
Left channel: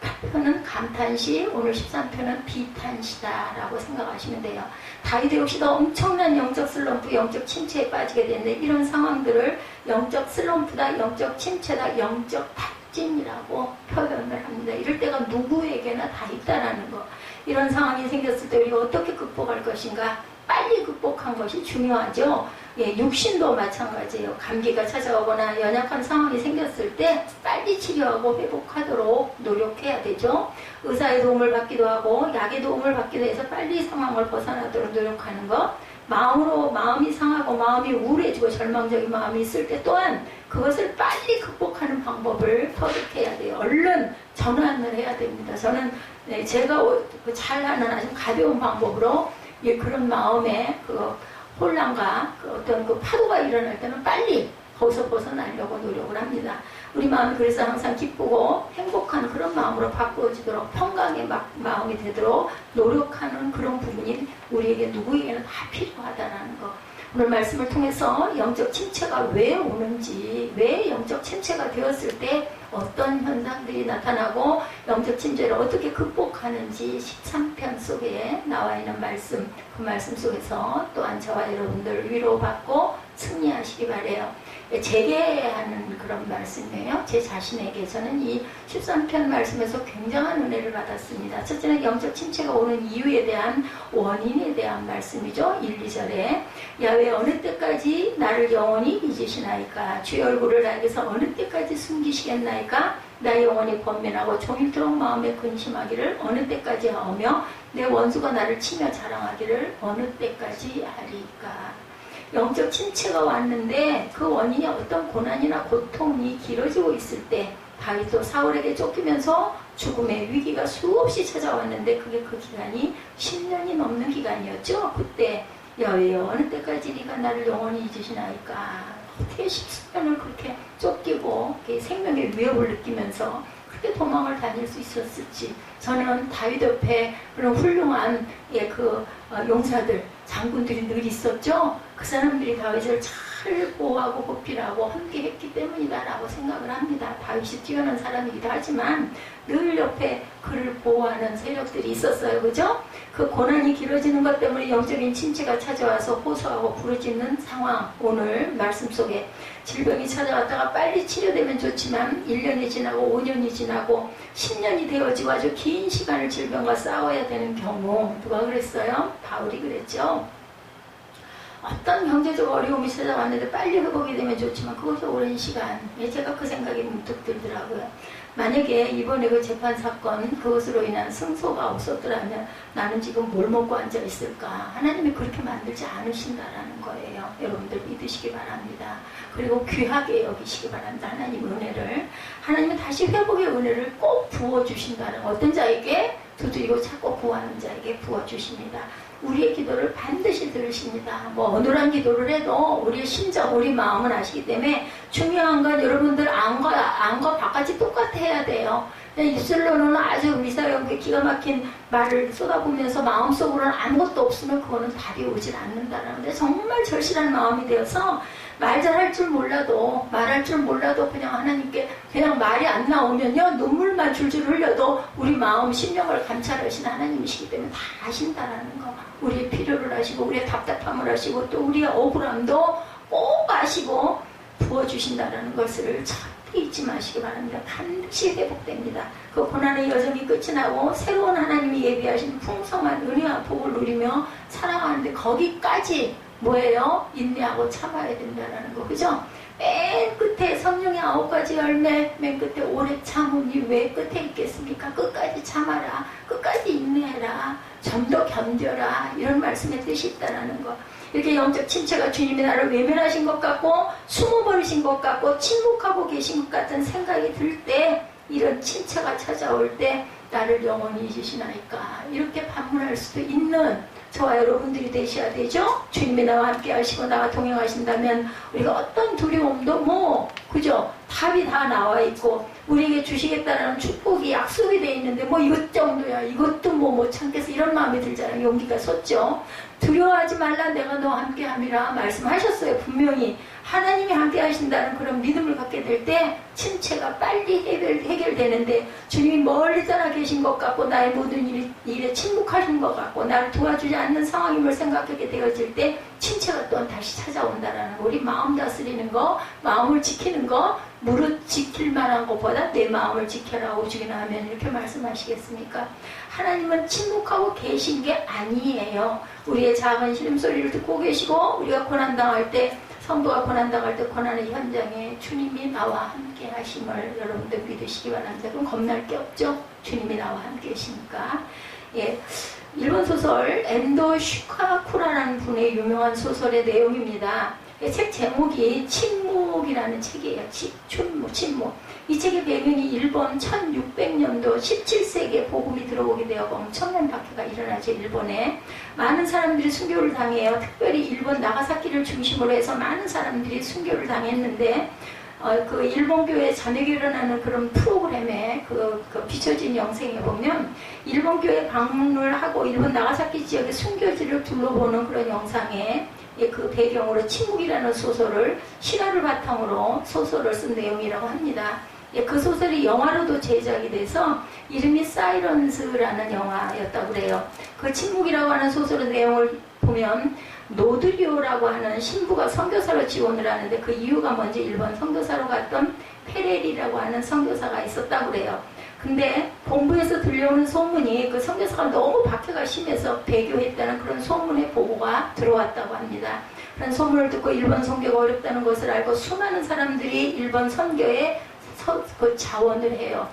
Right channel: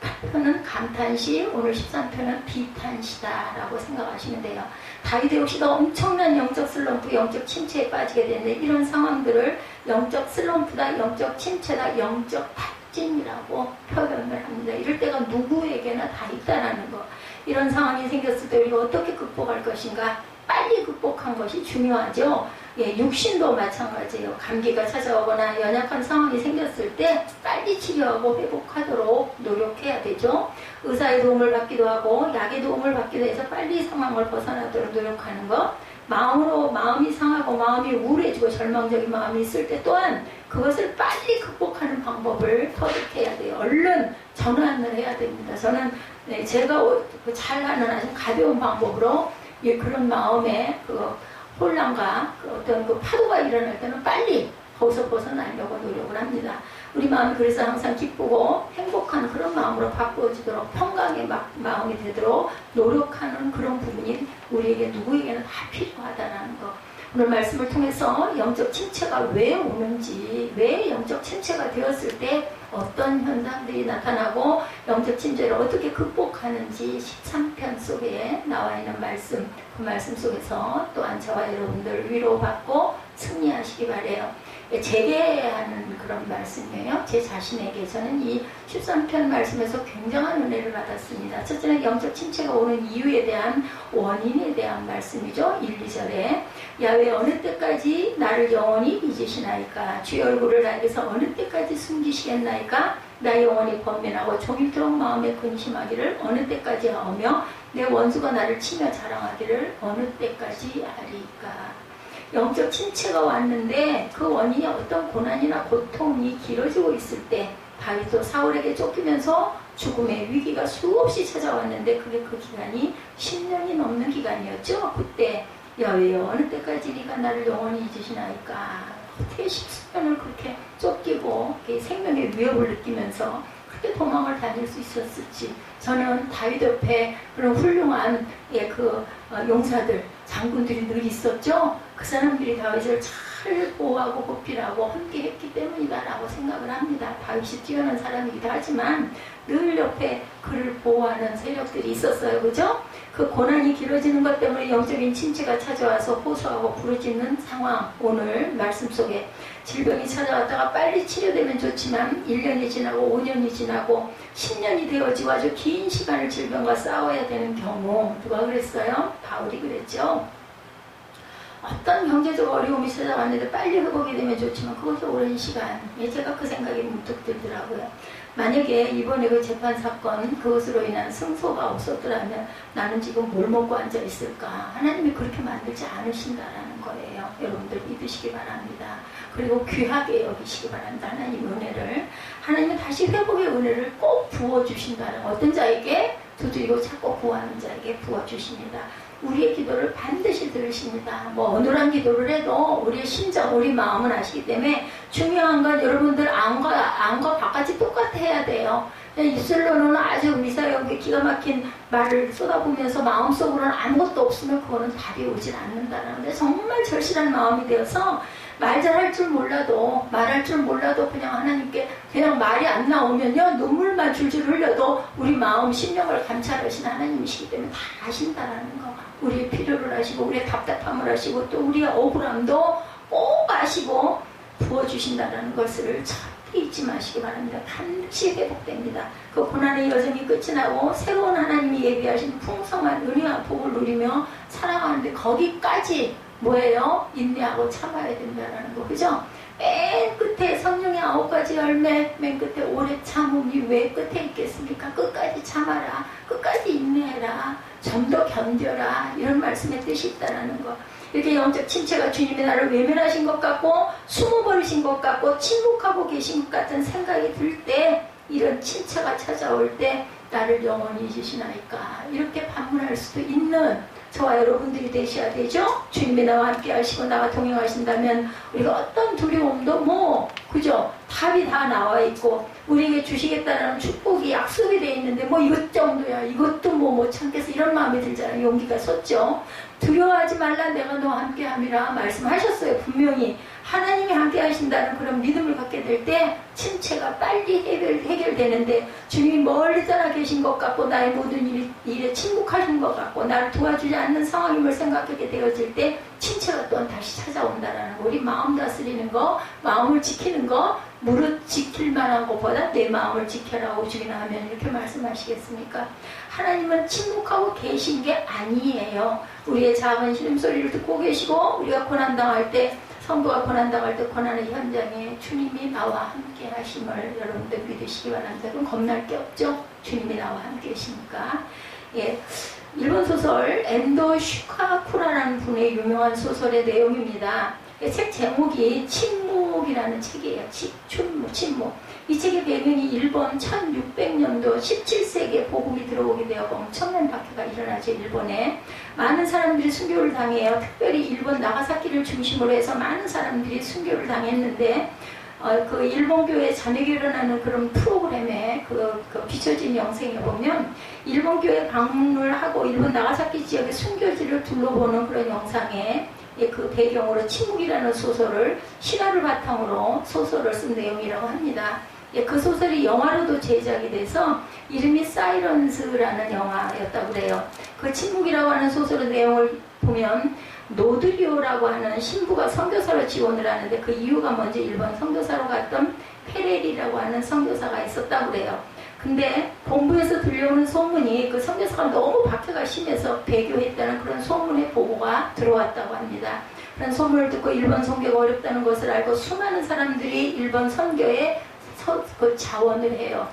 8편은 감탄시, 오늘 13편은 비탄시다 라고 생각하시면 돼요. 다윗 역시도 엄청난 영적 슬럼프, 영적 침체에 빠지게 되는데 이런 상황들을 영적 슬럼프다, 영적 침체다, 영적 탁진이라고 표현을 합니다. 이럴 때가 누구에게나 다 있다라는 거. 이런 상황이 생겼을 때 우리가 어떻게 극복할 것인가? 빨리 극복한 것이 중요하죠. 육신도 마찬가지예요. 감기가 찾아오거나 연약한 상황이 생겼을 때 빨리 치료하고 회복하도록 노력해야 되죠. 의사의 도움을 받기도 하고 약의 도움을 받기도 해서 빨리 상황을 벗어나도록 노력하는 것. 마음이 상하고 마음이 우울해지고 절망적인 마음이 있을 때 또한 그것을 빨리 극복하는 방법을 터득해야 돼요. 얼른 전환을 해야 됩니다. 저는 제가 잘하는 아주 가벼운 방법으로 그런 마음에 혼란과 어떤 파도가 일어날 때는 빨리 거기서 벗어나려고 노력을 합니다. 우리 마음이 그래서 항상 기쁘고 행복한 그런 마음으로 바꾸어지도록 평강의 마음이 되도록 노력하는 그런 부분이 우리에게 누구에게는 다 필요하다는 거. 오늘 말씀을 통해서 영적 침체가 왜 오는지, 왜 영적 침체가 되었을 때 어떤 현상들이 나타나고 영적 침체를 어떻게 극복하는지 13편 속에 나와 있는 말씀, 그 말씀 속에서 또한 저와 여러분들 위로받고 승리하시기 바라요. 제게 하는 그런 말씀이에요. 제 자신에게 저는 이 13편 말씀에서 굉장한 은혜를 받았습니다. 첫째는 영적 침체가 오는 이유에 대한 원인에 대한 말씀이죠. 1, 2절에 야훼 어느 때까지 나를 영원히 잊으시나이까? 주의 얼굴을 나에게서 어느 때까지 숨기시겠나이까? 나 영원히 번면하고 종일토록 마음에 근심하기를 어느 때까지 하오며 내 원수가 나를 치며 자랑하기를 어느 때까지 하리까? 영적 침체가 왔는데 그 원인이 어떤 고난이나 고통이 길어지고 있을 때 다윗도 사울에게 쫓기면서 죽음의 위기가 수없이 찾아왔는데 그게 그 기간이 10년이 넘는 기간이었죠. 그때 여호와여 어느 때까지 네가 나를 영원히 잊으시나이까. 어떻게 10년을 그렇게 쫓기고 생명의 위협을 느끼면서 그렇게 도망을 다닐 수 있었을지. 저는 다윗 옆에 그런 훌륭한 용사들, 장군들이 늘 있었죠. 그 사람들이 다윗을 잘 보호하고 보필하고 함께했기 때문이다라고 생각을 합니다. 다윗이 뛰어난 사람이기도 하지만 늘 옆에 그를 보호하는 세력들이 있었어요. 그죠? 그 고난이 길어지는 것 때문에 영적인 침체가 찾아와서 호소하고 부르짖는 상황. 오늘 말씀 속에 질병이 찾아왔다가 빨리 치료되면 좋지만 1년이 지나고 5년이 지나고 10년이 되어지고 아주 긴 시간을 질병과 싸워야 되는 경우. 누가 그랬어요? 바울이 그랬죠. 어떤 경제적 어려움이 찾아왔는데 빨리 회복이 되면 좋지만 그것이 오랜 시간. 제가 그 생각이 문득 들더라고요. 만약에 이번에 그 재판 사건 그것으로 인한 승소가 없었더라면 나는 지금 뭘 먹고 앉아 있을까. 하나님이 그렇게 만들지 않으신다라는 거예요. 여러분들 믿으시기 바랍니다. 그리고 귀하게 여기시기 바랍니다. 하나님 은혜를. 하나님은 다시 회복의 은혜를 꼭 부어주신다는 어떤 자에게 두드리고 찾고 구하는 자에게 부어주십니다. 우리의 기도를 반드시 들으십니다. 어눌한 기도를 해도 우리의 심정, 우리 마음은 아시기 때문에 중요한 건 여러분들 안과 바깥이 똑같아야 돼요. 입술로는 아주 미사역에 기가 막힌 말을 쏟아보면서 마음속으로는 아무것도 없으면 그거는 답이 오질 않는다라는데 정말 절실한 마음이 되어서 말 잘할 줄 몰라도 말할 줄 몰라도 그냥 하나님께 그냥 말이 안 나오면요 눈물만 줄줄 흘려도 우리 마음 심령을 감찰하시는 하나님이시기 때문에 다 아신다라는 거. 우리의 필요를 아시고 우리의 답답함을 아시고 또 우리의 억울함도 꼭 아시고 부어주신다라는 것을 절대 잊지 마시기 바랍니다. 반드시 회복됩니다. 그 고난의 여정이 끝이 나고 새로운 하나님이 예비하신 풍성한 은혜와 복을 누리며 살아가는데 거기까지 뭐예요? 인내하고 참아야 된다는 거. 그죠? 맨 끝에 성령의 9가지 열매, 맨 끝에 오래 참으니 왜 끝에 있겠습니까? 끝까지 참아라. 끝까지 인내해라. 좀 더 견뎌라. 이런 말씀의 뜻이 있다는 거. 이렇게 영적 침체가 주님이 나를 외면하신 것 같고 숨어버리신 것 같고 침묵하고 계신 것 같은 생각이 들 때 이런 침체가 찾아올 때 나를 영원히 잊으시나이까 이렇게 반문할 수도 있는 저와 여러분들이 되셔야 되죠. 주님이 나와 함께 하시고 나와 동행하신다면 우리가 어떤 두려움도 그죠? 답이 다 나와 있고 우리에게 주시겠다는 축복이 약속이 돼 있는데 이것 정도야 이것도 못 참겠어 이런 마음이 들잖아요. 용기가 섰죠. 두려워하지 말라 내가 너와 함께 함이라 말씀하셨어요. 분명히 하나님이 함께 하신다는 그런 믿음을 갖게 될 때 침체가 빨리 해결되는데 주님이 멀리 떠나 계신 것 같고 나의 모든 일에 침묵하신 것 같고 나를 도와주지 않는 상황임을 생각하게 되어질 때 침체가 또한 다시 찾아온다라는 거. 우리 마음 다스리는 거, 마음을 지키는 거, 무릇 지킬 만한 것보다 내 마음을 지켜라 오죽이나 하면 이렇게 말씀하시겠습니까? 하나님은 침묵하고 계신 게 아니에요. 우리의 작은 신음소리를 듣고 계시고 우리가 고난당할 때 성도가 고난당할 때 고난의 현장에 주님이 나와 함께 하심을 여러분들 믿으시기 바랍니다. 그럼 겁날 게 없죠? 주님이 나와 함께 계시니까. 일본 소설 엔도 슈카쿠라라는 분의 유명한 소설의 내용입니다. 책 제목이 침묵이라는 책이에요. 침묵. 이 책의 배경이 일본 1600년도 17세기에 복음이 들어오게 되어 엄청난 박해가 일어나죠. 일본에 많은 사람들이 순교를 당해요. 특별히 일본 나가사키를 중심으로 해서 많은 사람들이 순교를 당했는데 그 일본교회 자매결혼하는 그런 프로그램에 그 비춰진 영상에 보면 일본교회 방문을 하고 일본 나가사키 지역의 순교지를 둘러보는 그런 영상에 그 배경으로 침묵이라는 소설을 신화를 바탕으로 소설을 쓴 내용이라고 합니다. 그 소설이 영화로도 제작이 돼서 이름이 사이런스라는 영화였다고 그래요. 그 침묵이라고 하는 소설의 내용을 보면 노드리오라고 하는 신부가 선교사로 지원을 하는데 그 이유가 뭔지 일본 선교사로 갔던 페레리라고 하는 선교사가 있었다고 그래요. 근데 본부에서 들려오는 소문이 그 선교사가 너무 박해가 심해서 배교했다는 그런 소문의 보고가 들어왔다고 합니다. 그런 소문을 듣고 일본 선교가 어렵다는 것을 알고 수많은 사람들이 일본 선교에 자원을 해요.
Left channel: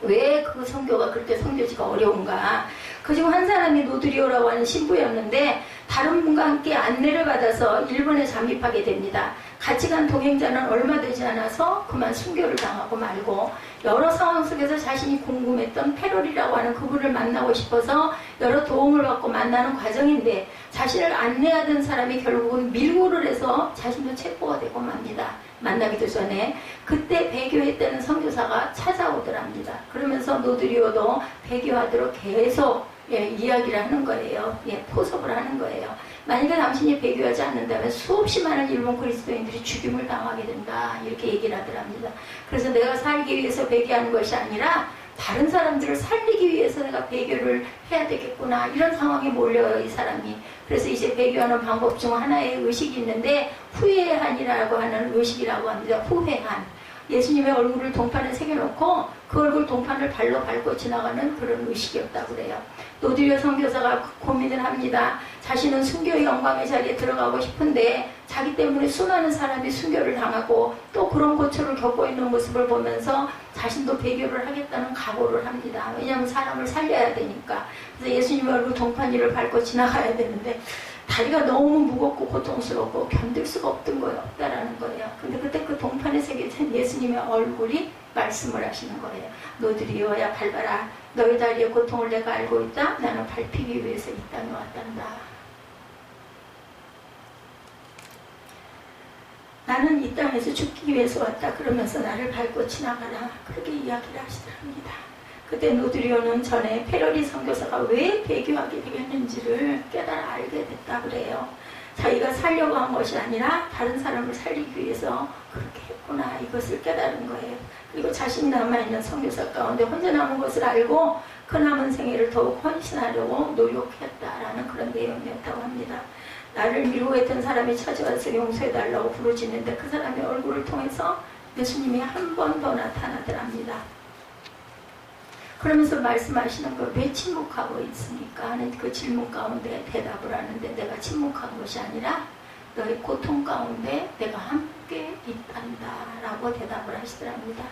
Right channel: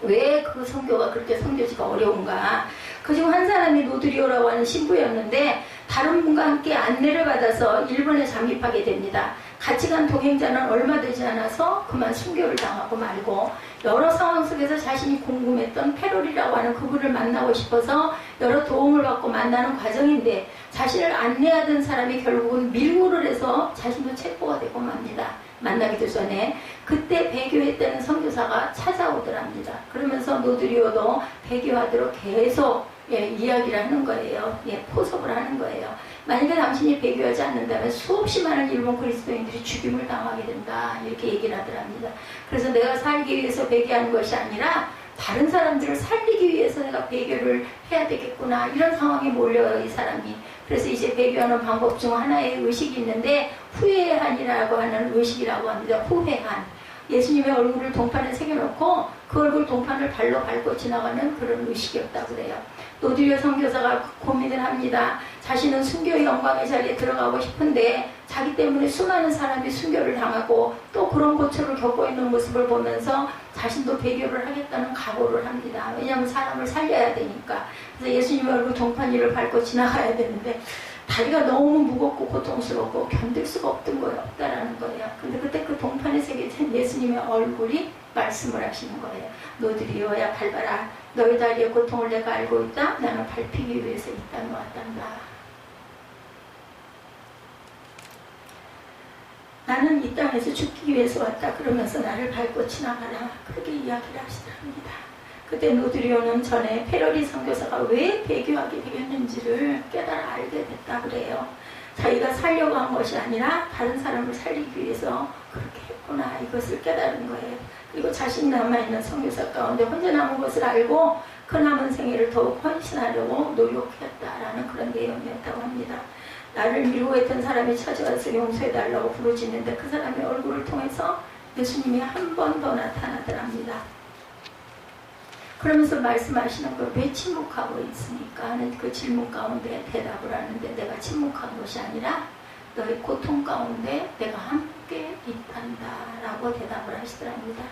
왜 그 선교가 그렇게 선교지가 어려운가? 그중 한 사람이 노드리오라고 하는 신부였는데 다른 분과 함께 안내를 받아서 일본에 잠입하게 됩니다. 같이 간 동행자는 얼마 되지 않아서 그만 순교를 당하고 말고, 여러 상황 속에서 자신이 궁금했던 페롤이라고 하는 그분을 만나고 싶어서 여러 도움을 받고 만나는 과정인데, 자신을 안내하던 사람이 결국은 밀고를 해서 자신도 체포가 되고 맙니다. 만나기도 전에. 그때 배교했다는 선교사가 찾아오더랍니다. 그러면서 노드리오도 배교하도록 계속 이야기를 하는 거예요. 포섭을 하는 거예요. 만약에 당신이 배교하지 않는다면 수없이 많은 일본 그리스도인들이 죽임을 당하게 된다, 이렇게 얘기를 하더랍니다. 그래서 내가 살기 위해서 배교하는 것이 아니라 다른 사람들을 살리기 위해서 내가 배교를 해야 되겠구나, 이런 상황에 몰려요, 이 사람이. 그래서 이제 배교하는 방법 중 하나의 의식이 있는데, 후회한이라고 하는 의식이라고 합니다. 후회한. 예수님의 얼굴을 동판에 새겨놓고 그 얼굴 동판을 발로 밟고 지나가는 그런 의식이었다고 그래요. 노드리오 선교사가 고민을 합니다. 자신은 순교의 영광의 자리에 들어가고 싶은데 자기 때문에 수많은 사람이 순교를 당하고 또 그런 고초를 겪고 있는 모습을 보면서 자신도 배교를 하겠다는 각오를 합니다. 왜냐하면 사람을 살려야 되니까. 그래서 예수님의 얼굴 동판 위를 밟고 지나가야 되는데 다리가 너무 무겁고 고통스럽고 견딜 수가 없다라는 거예요. 근데 그때 그 동판에 새겨진 예수님의 얼굴이 말씀을 하시는 거예요. 노드리오야, 밟아라. 너희 다리의 고통을 내가 알고 있다. 나는 밟히기 위해서 이 땅에 왔단다. 나는 이 땅에서 죽기 위해서 왔다. 그러면서 나를 밟고 지나가라. 그렇게 이야기를 하시더랍니다. 그때 노드리오는 전에 페러리 선교사가 왜 배교하게 되겠는지를 깨달아 알게 됐다 그래요. 자기가 살려고 한 것이 아니라 다른 사람을 살리기 위해서 그렇게 했구나, 이것을 깨달은 거예요. 그리고 자신이 남아있는 선교사 가운데 혼자 남은 것을 알고 그 남은 생애를 더욱 헌신하려고 노력했다라는 그런 내용이었다고 합니다. 나를 미워했던 사람이 찾아와서 용서해달라고 부르짖는데 그 사람의 얼굴을 통해서 예수님이 한 번 더 나타나더랍니다. 그러면서 말씀하시는 걸 왜 침묵하고 있습니까 하는 그 질문 가운데 대답을 하는데, 내가 침묵한 것이 아니라 너의 고통 가운데 내가 함께 있단다 라고 대답을 하시더랍니다.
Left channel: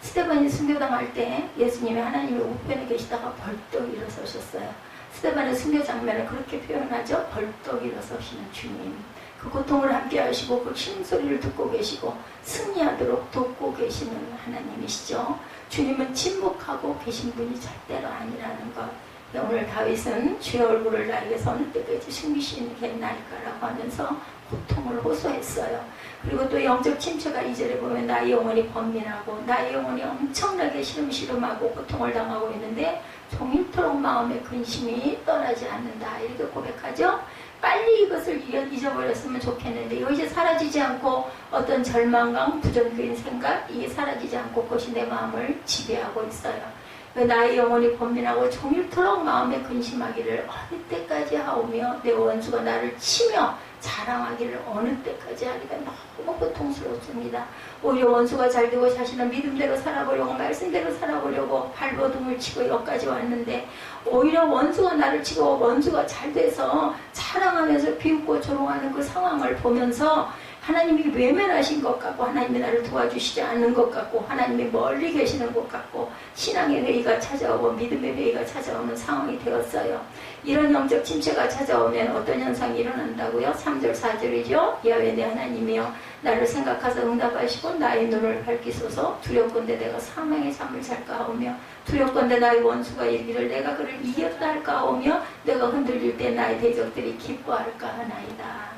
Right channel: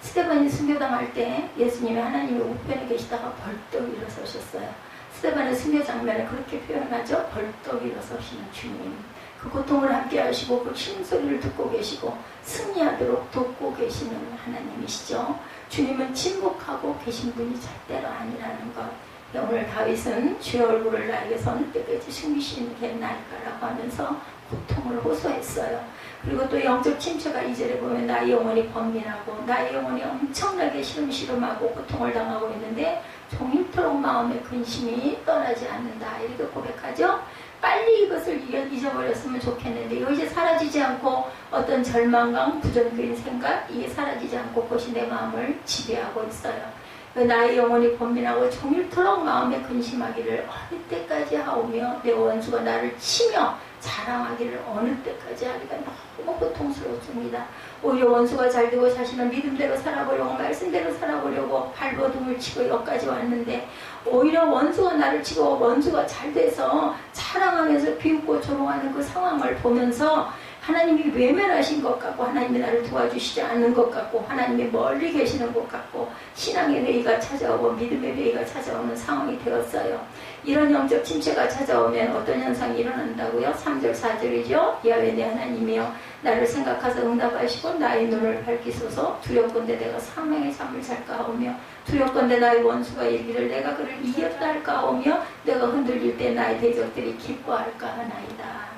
스데반이 순교당할 때 예수님이 하나님의 우편에 계시다가 벌떡 일어서셨어요. 스데반의 순교 장면을 그렇게 표현하죠. 벌떡 일어서시는 주님. 그 고통을 함께 하시고 그 힘소리를 듣고 계시고 승리하도록 돕고 계시는 하나님이시죠. 주님은 침묵하고 계신 분이 절대로 아니라는 것. 오늘 다윗은 주의 얼굴을 나에게서 어느 때까지 숨기시게 날까라고 하면서 고통을 호소했어요. 그리고 또 영적 침체가 2절에 보면 나의 영혼이 번민하고 나의 영혼이 엄청나게 시름시름하고 고통을 당하고 있는데 종일토록 마음의 근심이 떠나지 않는다, 이렇게 고백하죠. 빨리 이것을 잊어버렸으면 좋겠는데 이거 이제 사라지지 않고 어떤 절망감, 부정적인 생각, 이게 사라지지 않고 그것이 내 마음을 지배하고 있어요. 나의 영혼이 번민하고 종일토록 마음에 근심하기를 어느 때까지 하오며 내 원수가 나를 치며 자랑하기를 어느 때까지 하기가 너무 고통스럽습니다. 오히려 원수가 잘되고 자신은 믿음대로 살아보려고 말씀대로 살아보려고 발버둥을 치고 여기까지 왔는데 오히려 원수가 나를 치고 원수가 잘돼서 자랑하면서 비웃고 조롱하는 그 상황을 보면서 하나님이 외면하신 것 같고 하나님이 나를 도와주시지 않는 것 같고 하나님이 멀리 계시는 것 같고 신앙의 회의가 찾아오고 믿음의 회의가 찾아오는 상황이 되었어요. 이런 영적 침체가 찾아오면 어떤 현상이 일어난다고요? 3절 4절이죠. 야훼 내 하나님이여 나를 생각하사 응답하시고 나의 눈을 밝히소서. 두렵건대 내가 사망의 잠을 잘까 하오며 두렵건대 나의 원수가 이르기를 내가 그를 이겼다 할까 하오며 내가 흔들릴 때 나의 대적들이 기뻐할까 하나이다.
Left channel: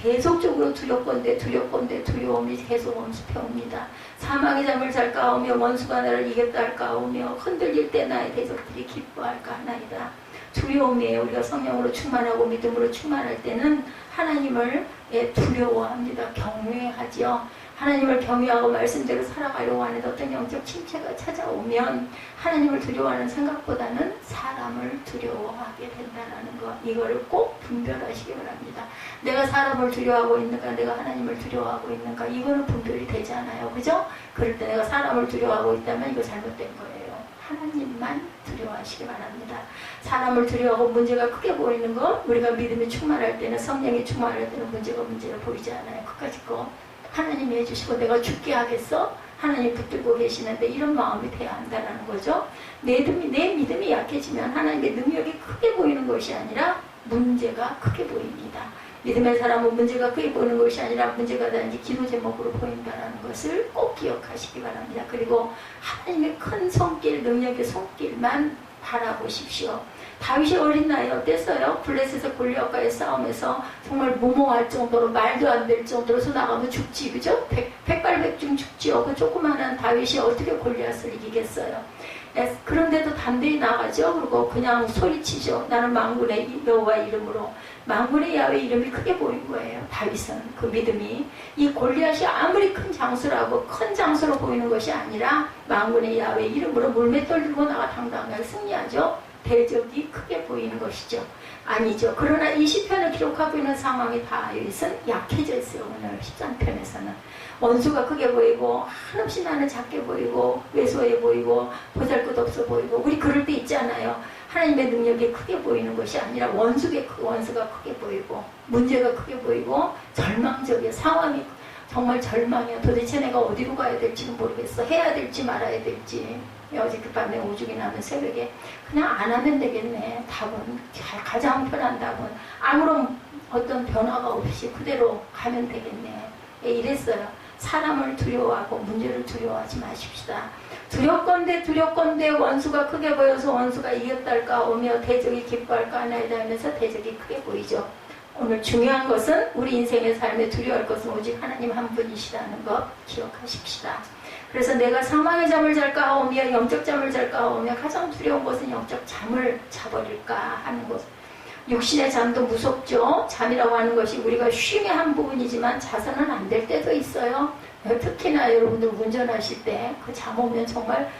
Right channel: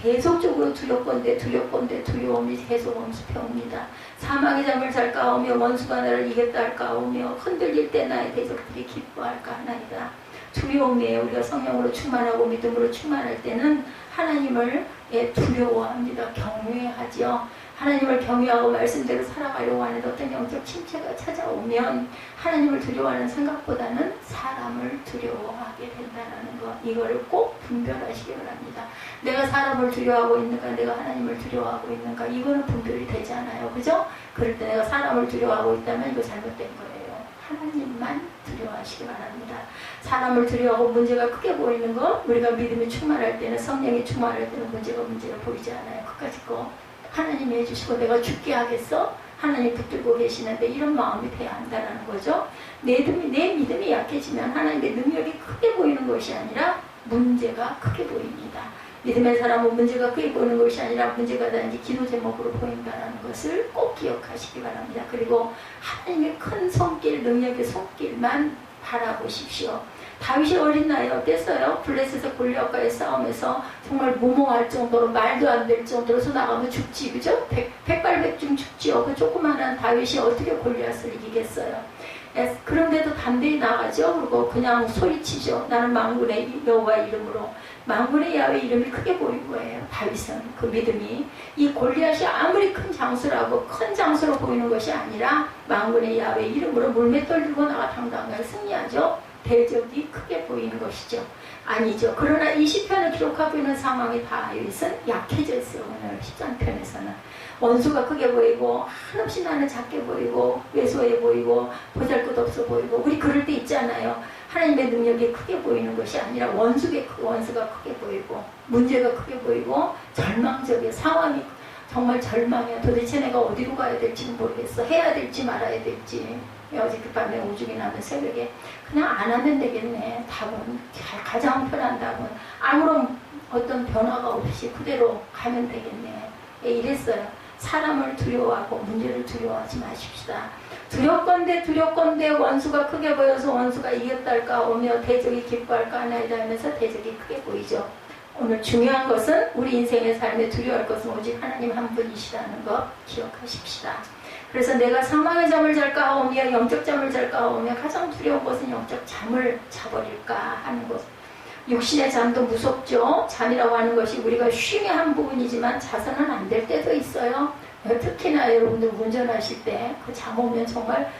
계속적으로 두렵건대 두려움이 계속 엄습해옵니다. 사망의 잠을 잘까 하오며 원수가 나를 이겼다 할까 하오며 흔들릴 때 나의 대적들이 기뻐할까 하나이다. 두려움이에요. 우리가 성령으로 충만하고 믿음으로 충만할 때는 하나님을 두려워합니다. 경외하지요. 하나님을 경외하고 말씀대로 살아가려고 하는 어떤 영적 침체가 찾아오면 하나님을 두려워하는 생각보다는 사람을 두려워하게 된다는 것, 이거를 꼭 분별하시기 바랍니다. 내가 사람을 두려워하고 있는가 내가 하나님을 두려워하고 있는가, 이거는 분별이 되지 않아요. 그죠? 그럴 때 내가 사람을 두려워하고 있다면 이거 잘못된 거예요. 하나님만 두려워하시기 바랍니다. 사람을 두려워하고 문제가 크게 보이는 거, 우리가 믿음이 충만할 때는, 성령이 충만할 때는 문제가 보이지 않아요. 그까짓 거 하나님이 해주시고 내가 죽게 하겠어? 하나님 붙들고 계시는데 이런 마음이 돼야 한다는 거죠. 내 믿음이 약해지면 하나님의 능력이 크게 보이는 것이 아니라 문제가 크게 보입니다. 믿음의 사람은 문제가 크게 보이는 것이 아니라 문제가 단지 기도 제목으로 보인다는 것을 꼭 기억하시기 바랍니다. 그리고 하나님의 큰 손길, 능력의 손길만 바라보십시오. 다윗이 어린 나이에 어땠어요? 블레셋의 골리앗과의 싸움에서 정말 무모할 정도로 말도 안 될 정도로 나가면 죽지, 그죠? 백발백중 죽지요. 그 조그마한 다윗이 어떻게 골리앗을 이기겠어요? 그런데도 담대히 나가죠. 그리고 그냥 소리치죠. 나는 만군의 여호와 이름으로. 만군의 야훼 이름이 크게 보인 거예요. 다윗은 그 믿음이. 이 골리앗이 아무리 큰 장수라고 큰 장수로 보이는 것이 아니라 만군의 야훼 이름으로 물맷돌 들고 나가 당당하게 승리하죠. 대적이 크게 보이는 것이죠. 아니죠. 그러나 이 시편을 기록하고 있는 상황이 다윗은 약해져 있어요. 오늘 13편에서는. 원수가 크게 보이고 한없이 나는 작게 보이고 왜소해 보이고 보잘것없어 보이고 우리 그럴 때 있잖아요. 하나님의 능력이 크게 보이는 것이 아니라 원수가 크게 보이고 문제가 크게 보이고 절망적인 상황이 정말 절망이야. 도대체 내가 어디로 가야 될지는 모르겠어. 해야 될지 말아야 될지. 어저께 밤에 오죽이 나면 새벽에 그냥 안 하면 되겠네. 답은 가장 편한 답은 아무런 어떤 변화가 없이 그대로 가면 되겠네. 이랬어요. 사람을 두려워하고 문제를 두려워하지 마십시다. 두렵건대 원수가 크게 보여서 원수가 이겼달까 오며 대적이 기뻐할까 하나이다 하면서 대적이 크게 보이죠. 오늘 중요한 것은 우리 인생의 삶에 두려워할 것은 오직 하나님 한 분이시라는 것 기억하십시다. 그래서 내가 사망의 잠을 잘까 하오며 영적 잠을 잘까 하오며 가장 두려운 것은 영적 잠을 자버릴까 하는 것. 육신의 잠도 무섭죠. 잠이라고 하는 것이 우리가 쉼의 한 부분이지만 자서는 안 될 때도 있어요. 특히나 여러분들 운전하실 때 그 잠 오면 정말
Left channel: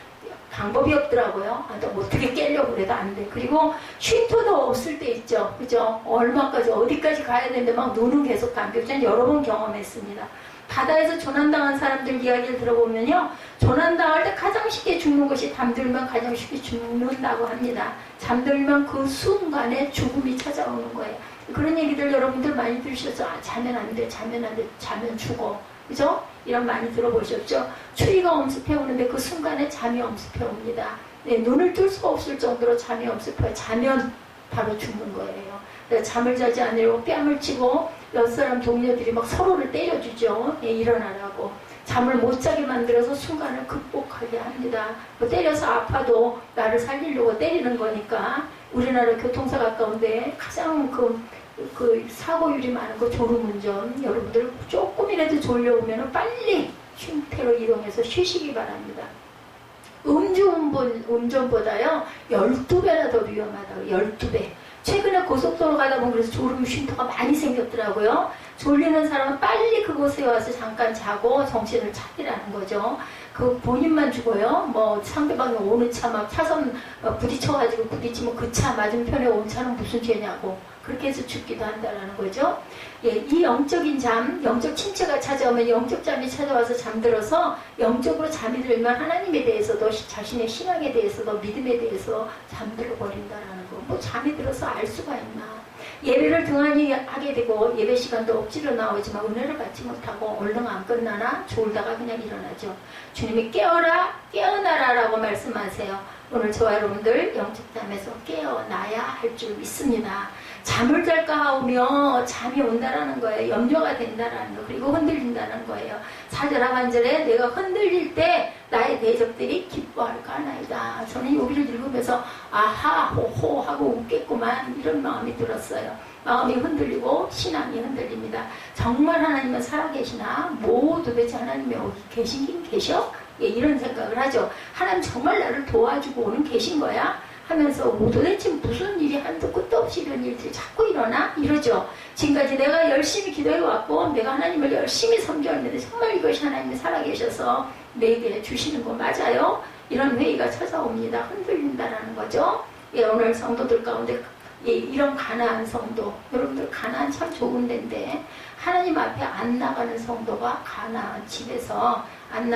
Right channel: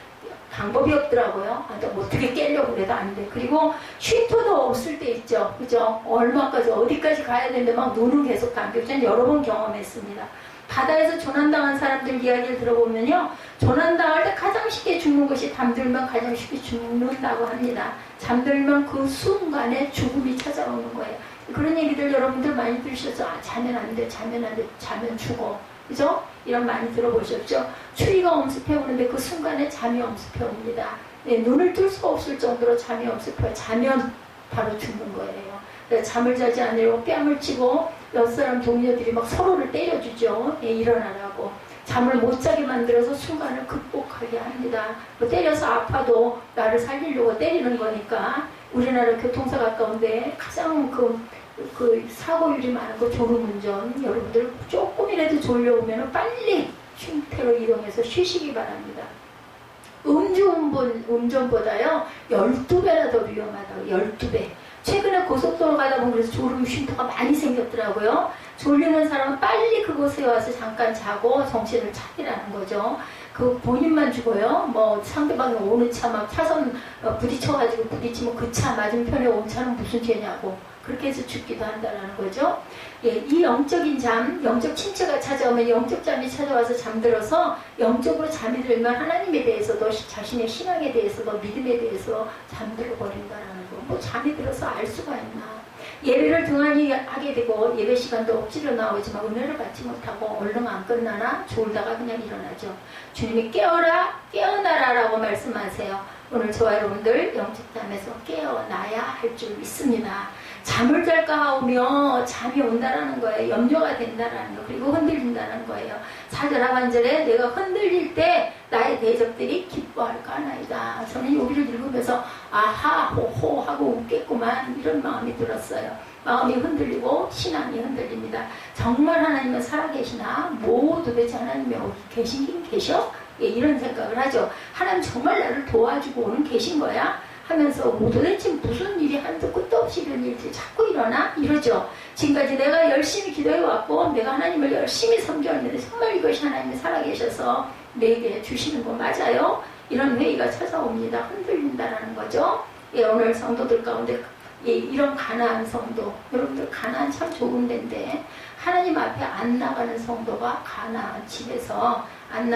방법이 없더라고요. 어떻게 깨려고 그래도 안 돼. 그리고 쉼터도 없을 때 있죠. 그죠? 얼마까지 어디까지 가야 되는데 막 눈은 계속 감겨. 저는 여러 번 경험했습니다. 바다에서 조난당한 사람들 이야기를 들어보면요. 조난당할 때 가장 쉽게 죽는 것이 잠들면 가장 쉽게 죽는다고 합니다. 잠들면 그 순간에 죽음이 찾아오는 거예요. 그런 얘기들 여러분들 많이 들으셨죠? 자면 안 돼, 자면 안 돼, 자면 죽어. 그죠? 이런 많이 들어보셨죠? 추위가 엄습해 오는데 그 순간에 잠이 엄습해 옵니다. 네, 눈을 뜰 수가 없을 정도로 잠이 엄습해요. 자면 바로 죽는 거예요. 잠을 자지 않으려고 뺨을 치고 옆 사람 동료들이 막 서로를 때려주죠. 예, 일어나라고. 잠을 못 자게 만들어서 순간을 극복하게 합니다. 뭐 때려서 아파도 나를 살리려고 때리는 거니까. 우리나라 교통사 가까운데 가장 그 사고율이 많은 거 졸음운전. 여러분들 조금이라도 졸려오면 빨리 쉼터로 이동해서 쉬시기 바랍니다. 음주운전보다요 12배나 더 위험하다고. 12배. 최근에 고속도로 가다 보면 그래서 졸음 쉼터가 많이 생겼더라고요. 졸리는 사람은 빨리 그곳에 와서 잠깐 자고 정신을 차리라는 거죠. 그 본인만 죽어요. 뭐 상대방이 오는 차 막 차선 부딪혀가지고 부딪히면 그 차 맞은편에 온 차는 무슨 죄냐고 그렇게 해서 죽기도 한다는 거죠. 예, 이 영적인 잠, 영적 침체가 찾아오면 영적 잠이 찾아와서 잠들어서 영적으로 잠이 들면 하나님에 대해서도 자신의 신앙에 대해서도 믿음에 대해서 잠들어 버린다는 거. 뭐 잠이 들어서 알 수가 있나. 예배를 등한히 하게 되고 예배 시간도 억지로 나오지만 은혜를 받지 못하고 얼른 안 끝나나 졸다가 그냥 일어나죠. 주님이 깨어라 깨어나라 라고 말씀하세요. 오늘 저와 여러분들 영적 잠에서 깨어나야 할 줄 믿습니다. 잠을 잘까 하오며 잠이 온다라는 거예요. 염려가 된다라는 거. 그리고 흔들린다는 거예요. 4절 하반절에 내가 흔들릴 때 나의 대적들이 기뻐할까 하나이다. 저는 여기를 읽으면서 아하 호호 하고 웃겠구만 이런 마음이 들었어요. 마음이 흔들리고 신앙이 흔들립니다. 정말 하나님은 살아계시나? 뭐 도대체 하나님이 어디 계시긴 계셔? 예, 이런 생각을 하죠. 하나님 정말 나를 도와주고 오는 계신 거야? 하면서 뭐 도대체 무슨 일이 한도 끝도 없이 이런 일들이 자꾸 일어나? 이러죠. 지금까지 내가 열심히 기도해왔고 내가 하나님을 열심히 섬겨왔는데 정말 이것이 하나님이 살아계셔서 내게 주시는 거 맞아요? 이런 회의가 찾아옵니다. 흔들린다라는 거죠. 예, 오늘 성도들 가운데 예, 이런 가난한 성도, 여러분들 가난한 참 좋은 데인데 하나님 앞에 안 나가는 성도가 가난한 집에서 안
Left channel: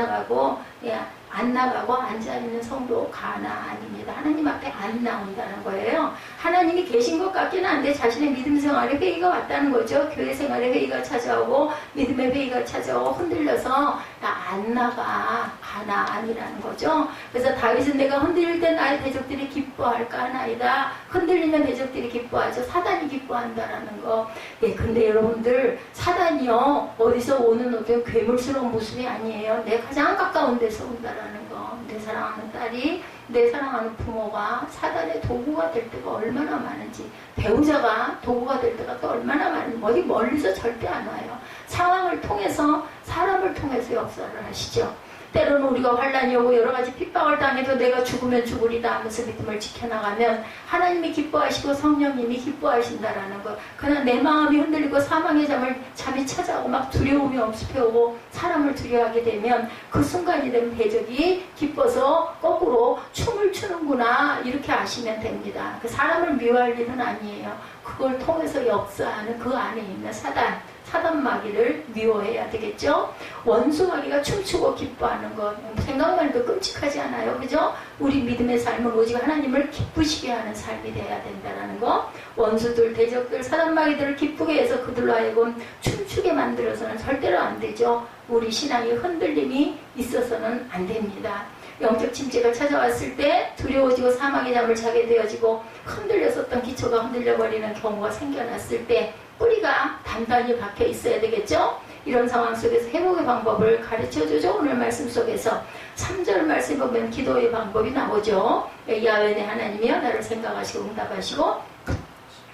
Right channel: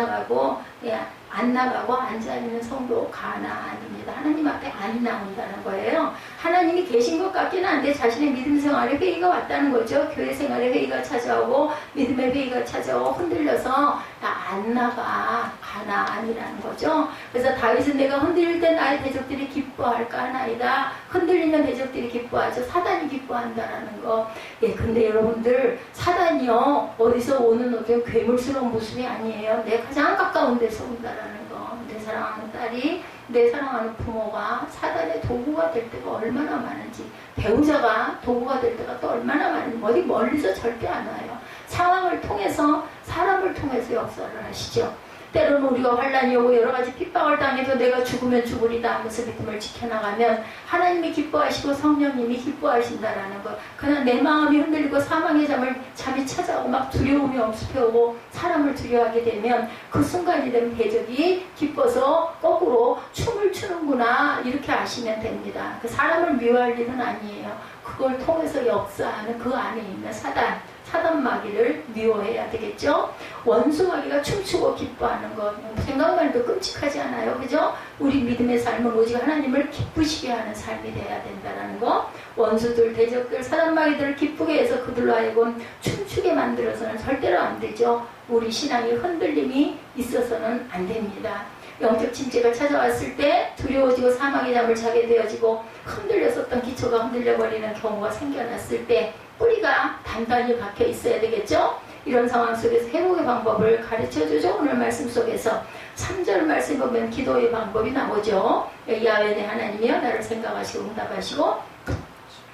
나가고 앉아있는 성도 가난입니다. 하나님 앞에 안 나온다는 거예요. 하나님이 계신 것 같기는 한데 자신의 믿음 생활에 회의가 왔다는 거죠. 교회 생활에 회의가 찾아오고 믿음의 회의가 찾아오고 흔들려서 나 안 나가 하나 아니라는 거죠. 그래서 다윗은 내가 흔들릴 때 나의 대적들이 기뻐할까 하나이다. 흔들리면 대적들이 기뻐하죠. 사단이 기뻐한다라는 거. 예, 근데 여러분들 사단이요 어디서 오는 어떤 괴물스러운 모습이 아니에요. 내 가장 가까운 데서 온다라는 거. 내 사랑하는 딸이 내 사랑하는 부모가 사단의 도구가 될 때가 얼마나 많은지, 배우자가 도구가 될 때가 또 얼마나 많은지, 어디 멀리서 절대 안 와요. 상황을 통해서, 사람을 통해서 역사를 하시죠. 때로는 우리가 환난이 오고 여러 가지 핍박을 당해도 내가 죽으면 죽으리다 하면서 믿음을 지켜나가면 하나님이 기뻐하시고 성령님이 기뻐하신다라는 것. 그냥 내 마음이 흔들리고 사망의 잠이 찾아오고 막 두려움이 엄습해오고 사람을 두려워하게 되면 그 순간이 되면 대적이 기뻐서 거꾸로 춤을 추는구나 이렇게 아시면 됩니다. 그 사람을 미워할 일은 아니에요. 그걸 통해서 역사하는 그 안에 있는 사단 마귀를 미워해야 되겠죠. 원수 마귀가 춤추고 기뻐하는 것 생각만 해도 끔찍하지 않아요? 그죠? 우리 믿음의 삶은 오직 하나님을 기쁘시게 하는 삶이 돼야 된다는 거. 원수들, 대적들, 사단 마귀들을 기쁘게 해서 그들로 하여금 춤추게 만들어서는 절대로 안 되죠. 우리 신앙의 흔들림이 있어서는 안 됩니다. 영적 침체가 찾아왔을 때 두려워지고 사망의 잠을 자게 되어지고 흔들렸었던 기초가 흔들려버리는 경우가 생겨났을 때 뿌리가 단단히 박혀 있어야 되겠죠? 이런 상황 속에서 회복의 방법을 가르쳐주죠. 오늘 말씀 속에서 3절 말씀 보면 기도의 방법이 나오죠. 야훼 내 하나님이여 나를 생각하시고 응답하시고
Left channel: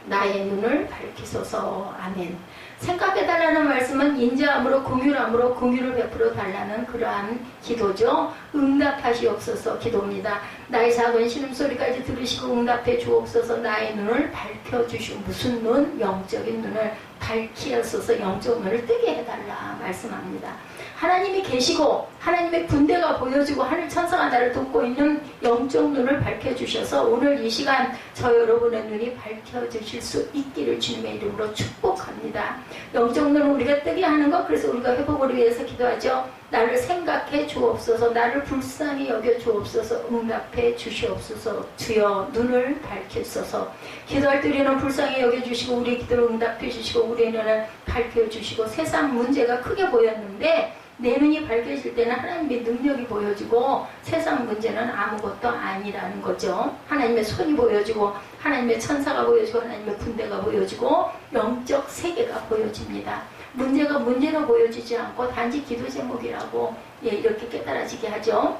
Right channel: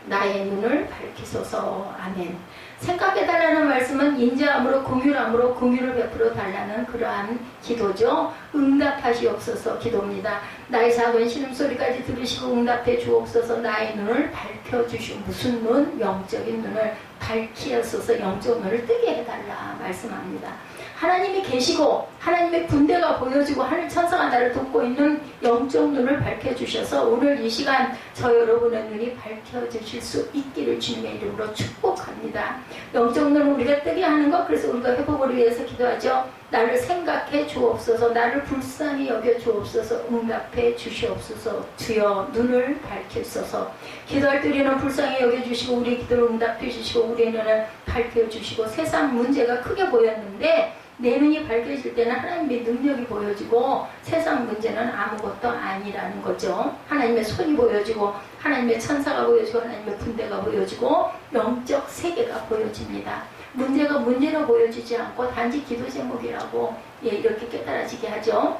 나의 눈을 밝히소서. 아멘. 생각해달라는 말씀은 인자함으로 긍휼함으로 긍휼을 베풀어 달라는 그러한 기도죠. 응답하시옵소서 기도입니다. 나의 작은 신음소리까지 들으시고 응답해 주옵소서. 나의 눈을 밝혀주시오. 무슨 눈? 영적인 눈을 밝히옵소서. 영적 눈을 뜨게 해달라 말씀합니다. 하나님이 계시고 하나님의 군대가 보여지고 하늘 천사가 나를 돕고 있는 영적 눈을 밝혀주셔서 오늘 이 시간 저 여러분의 눈이 밝혀주실 수 있기를 주님의 이름으로 축복합니다. 영적 눈을 우리가 뜨게 하는 것, 그래서 우리가 회복을 위해서 기도하죠. 나를 생각해 주옵소서. 나를 불쌍히 여겨 주옵소서. 응답해 주시옵소서. 주여 눈을 밝히소서. 기도할 때 우리는 불쌍히 여겨 주시고 우리 기도를 응답해 주시고 우리의 눈을 밝혀 주시고 세상 문제가 크게 보였는데 내 눈이 밝혀질 때는 하나님의 능력이 보여지고 세상 문제는 아무것도 아니라는 거죠. 하나님의 손이 보여지고 하나님의 천사가 보여지고 하나님의 군대가 보여지고 영적 세계가 보여집니다. 문제가 문제로 보여지지 않고 단지 기도 제목이라고 이렇게 깨달아지게 하죠.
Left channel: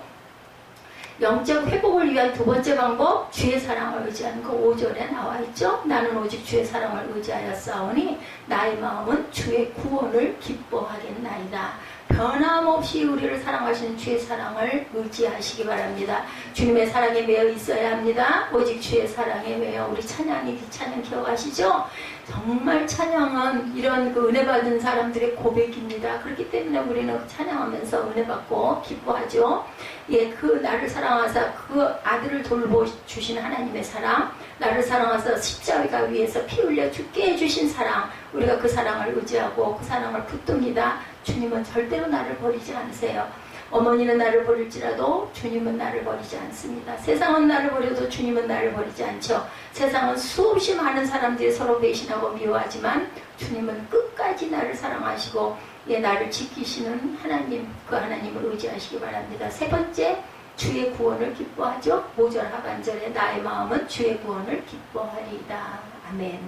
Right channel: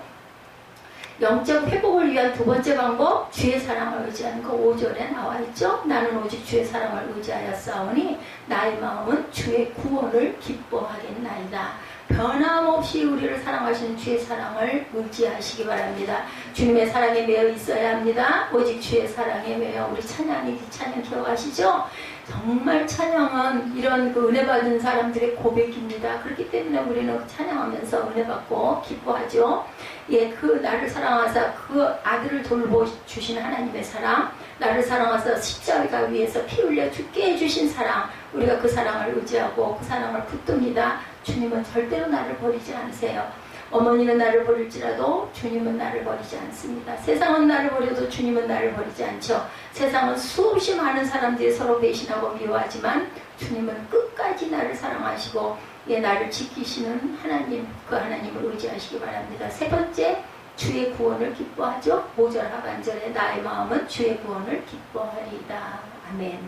영적 회복을 위한 두 번째 방법, 주의 사랑을 의지하는 거 5절에 나와 있죠. 나는 오직 주의 사랑을 의지하여 싸우니 나의 마음은 주의 구원을 기뻐하겠나이다. 변함없이 우리를 사랑하시는 주의 사랑을 의지하시기 바랍니다. 주님의 사랑에 매여 있어야 합니다. 오직 주의 사랑에 매여. 우리 찬양이 찬양 기억하시죠? 정말 찬양은 이런 그 은혜 받은 사람들의 고백입니다. 그렇기 때문에 우리는 찬양하면서 은혜 받고 기뻐하죠. 그 나를 사랑하사 그 아들을 돌보주신 하나님의 사랑, 나를 사랑하사 십자가 위에서 피 흘려 죽게 해주신 사랑, 우리가 그 사랑을 의지하고 그 사랑을 붙듭니다. 주님은 절대로 나를 버리지 않으세요. 어머니는 나를 버릴지라도 주님은 나를 버리지 않습니다. 세상은 나를 버려도 주님은 나를 버리지 않죠. 세상은 수없이 많은 사람들이 서로 배신하고 미워하지만 주님은 끝까지 나를 사랑하시고 나를 지키시는 하나님, 그 하나님을 의지하시기 바랍니다. 세 번째, 주의 구원을 기뻐하죠. 5절 하반절에 나의 마음은 주의 구원을 기뻐하리이다. 아멘.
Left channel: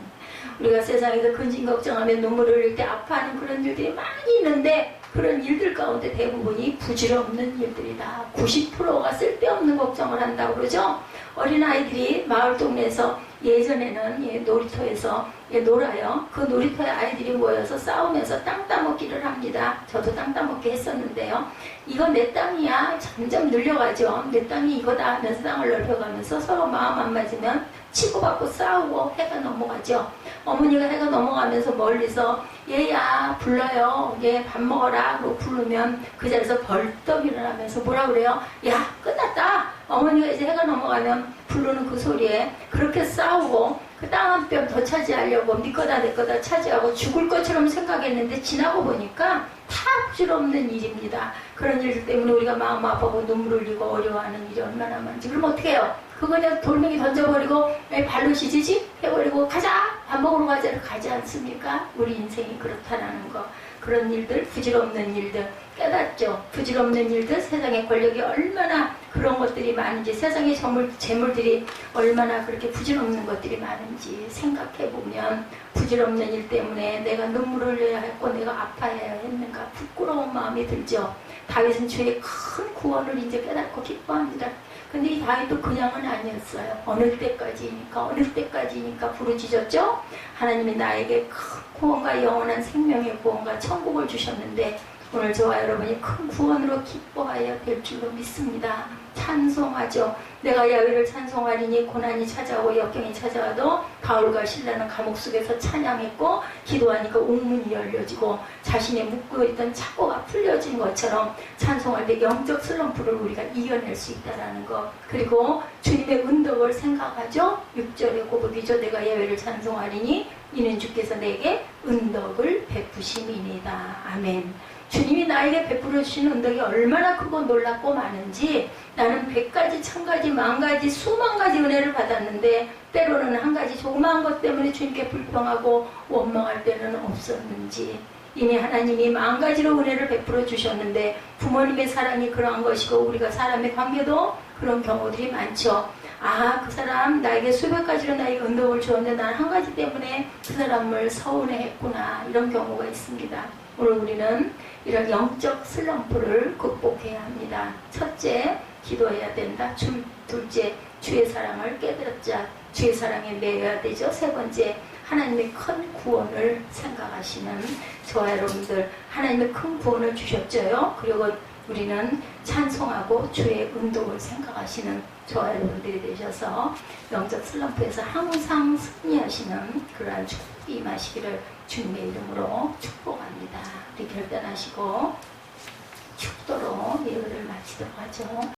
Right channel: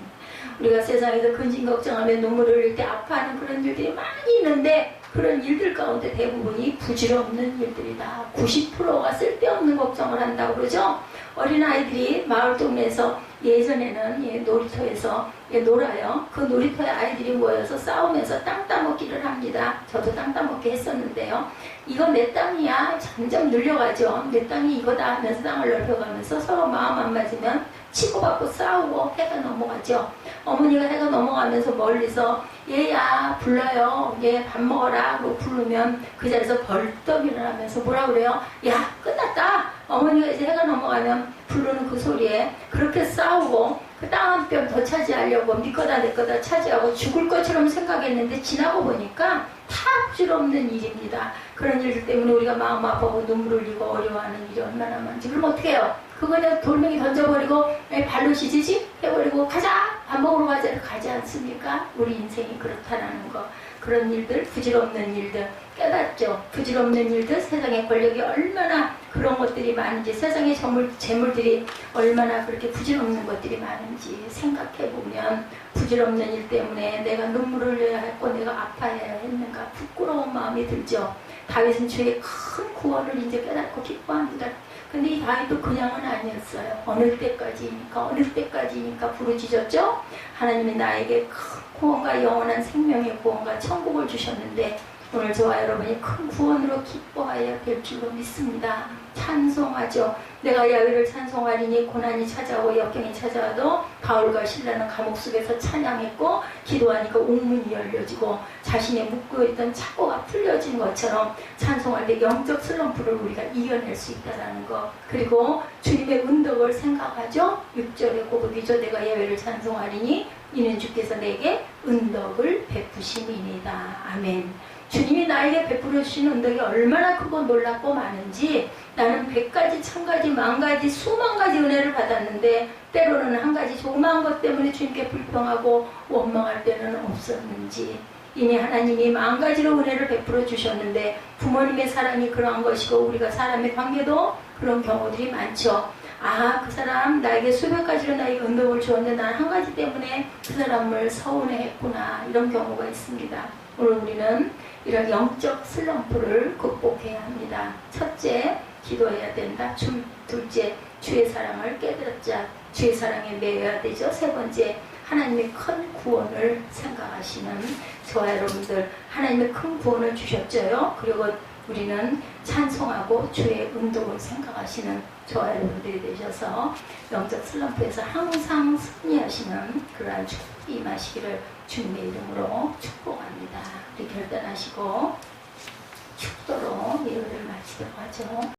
우리가 세상에서 근심 걱정하며 눈물을 흘릴 때 아파하는 그런 일들이 많이 있는데 그런 일들 가운데 대부분이 부질없는 일들이다. 90%가 쓸데없는 걱정을 한다고 그러죠. 어린아이들이 마을 동네에서 예전에는 놀이터에서 놀아요. 그 놀이터에 아이들이 모여서 싸우면서 땅 따먹기를 합니다. 저도 땅 따먹기 했었는데요. 이거 내 땅이야. 점점 늘려가죠. 내 땅이 이거다 하면서 땅을 넓혀가면서 서로 마음 안 맞으면 치고받고 싸우고 해가 넘어가죠. 어머니가 해가 넘어가면서 멀리서 얘야 불러요. 얘 밥 먹어라. 그러고 부르면 그 자리에서 벌떡 일어나면서 뭐라 그래요? 야 끝났다. 어머니가 이제 해가 넘어가면 부르는 그 소리에 그렇게 싸우고 그 땅 한 뼘 더 차지하려고 네 거다 내 거다 차지하고 죽을 것처럼 생각했는데 지나고 보니까 다 부질없는 일입니다. 그런 일들 때문에 우리가 마음 아파하고 눈물 흘리고 어려워하는 일이 얼마나 많은지. 그럼 어떻게 해요? 그거 그냥 돌멩이 던져버리고 발로 시지지 해버리고 가자 밥 밥 먹으러 가자를 가지 않습니까? 우리 인생이 그렇다라는 거. 그런 일들, 부질없는 일들 깨닫죠. 부질없는 일들, 세상의 권력이 얼마나 그런 것들이 많은지, 세상의 재물들이 얼마나 그렇게 부질없는 것들이 많은지 생각해보면 부질없는 일 때문에 내가 눈물을 흘려야 했고 내가 아파해야 했는가 부끄러운 마음이 들죠. 다윗은 주의 큰 구원을 이제 깨닫고 기뻐합니다. 근데 이 다윗도 그냥은 아니었어요. 어느 때까지니까 부르짖었죠. 하나님이 나에게 큰 구원과 영원한 생명의 구원과 천국을 주셨는데 오늘 저와 여러분이 큰 구원으로 기뻐해야 될 줄로 믿습니다. 찬송하죠. 내가 야훼를 찬송하리니 고난이 찾아오고 역경이 찾아와도 바울과 실라는 감옥 속에서 찬양했고 기도하니까 옥문이 열려지고 자신의 묶여있던 착고가 풀려진 것처럼 찬송할 때 영적 슬럼프를 우리가 이겨낼 수 있다는 것. 그리고 주님의 은덕을 생각하죠. 6절의 고백이죠. 내가 야훼를 찬송하리니 이는 주께서 내게 은덕을 베푸심이니이다. 아멘. 주님이 나에게 베풀어 주시는 은덕이 얼마나 크고 놀랍고 많은지 나는 100가지, 1000가지, 10,000가지, 수만 가지 은혜를 받았는데 때로는 한 가지 조그마한 것 때문에 주님께 불평하고 원망할 때는 없었는지 이미 하나님이 10,000가지로 은혜를 베풀어 주셨는데 부모님의 사랑이 그러한 것이고 우리가 사람의 관계도 그런 경우들이 많죠. 아, 그 사람 나에게 수백 가지로 나에게 은덕을 주었는데 난 한 가지 때문에 그 사람을 서운해했구나 이런 경우가 있습니다. 오늘 우리는 이런 영적 슬럼프를 극복해야 합니다. 첫째, 기도해야 된다. 둘째, 주의 사랑을 깨닫자. 주의 사랑에 매여야 되죠. 세 번째, 하나님의 큰 구원을 생각하시는 저와 여러분들 하나님의 큰 구원을 주셨죠요. 그리고 우리는 찬송하고 주의 은덕을 생각하시는 저와 여러분들이 되셔서 영적 슬럼프에서 항상 승리하시는 그러한 축복이 임하시기를 주님의 이름으로 축복합니다. 우리 결단하시고 축도로 예배를 마치도록 하죠.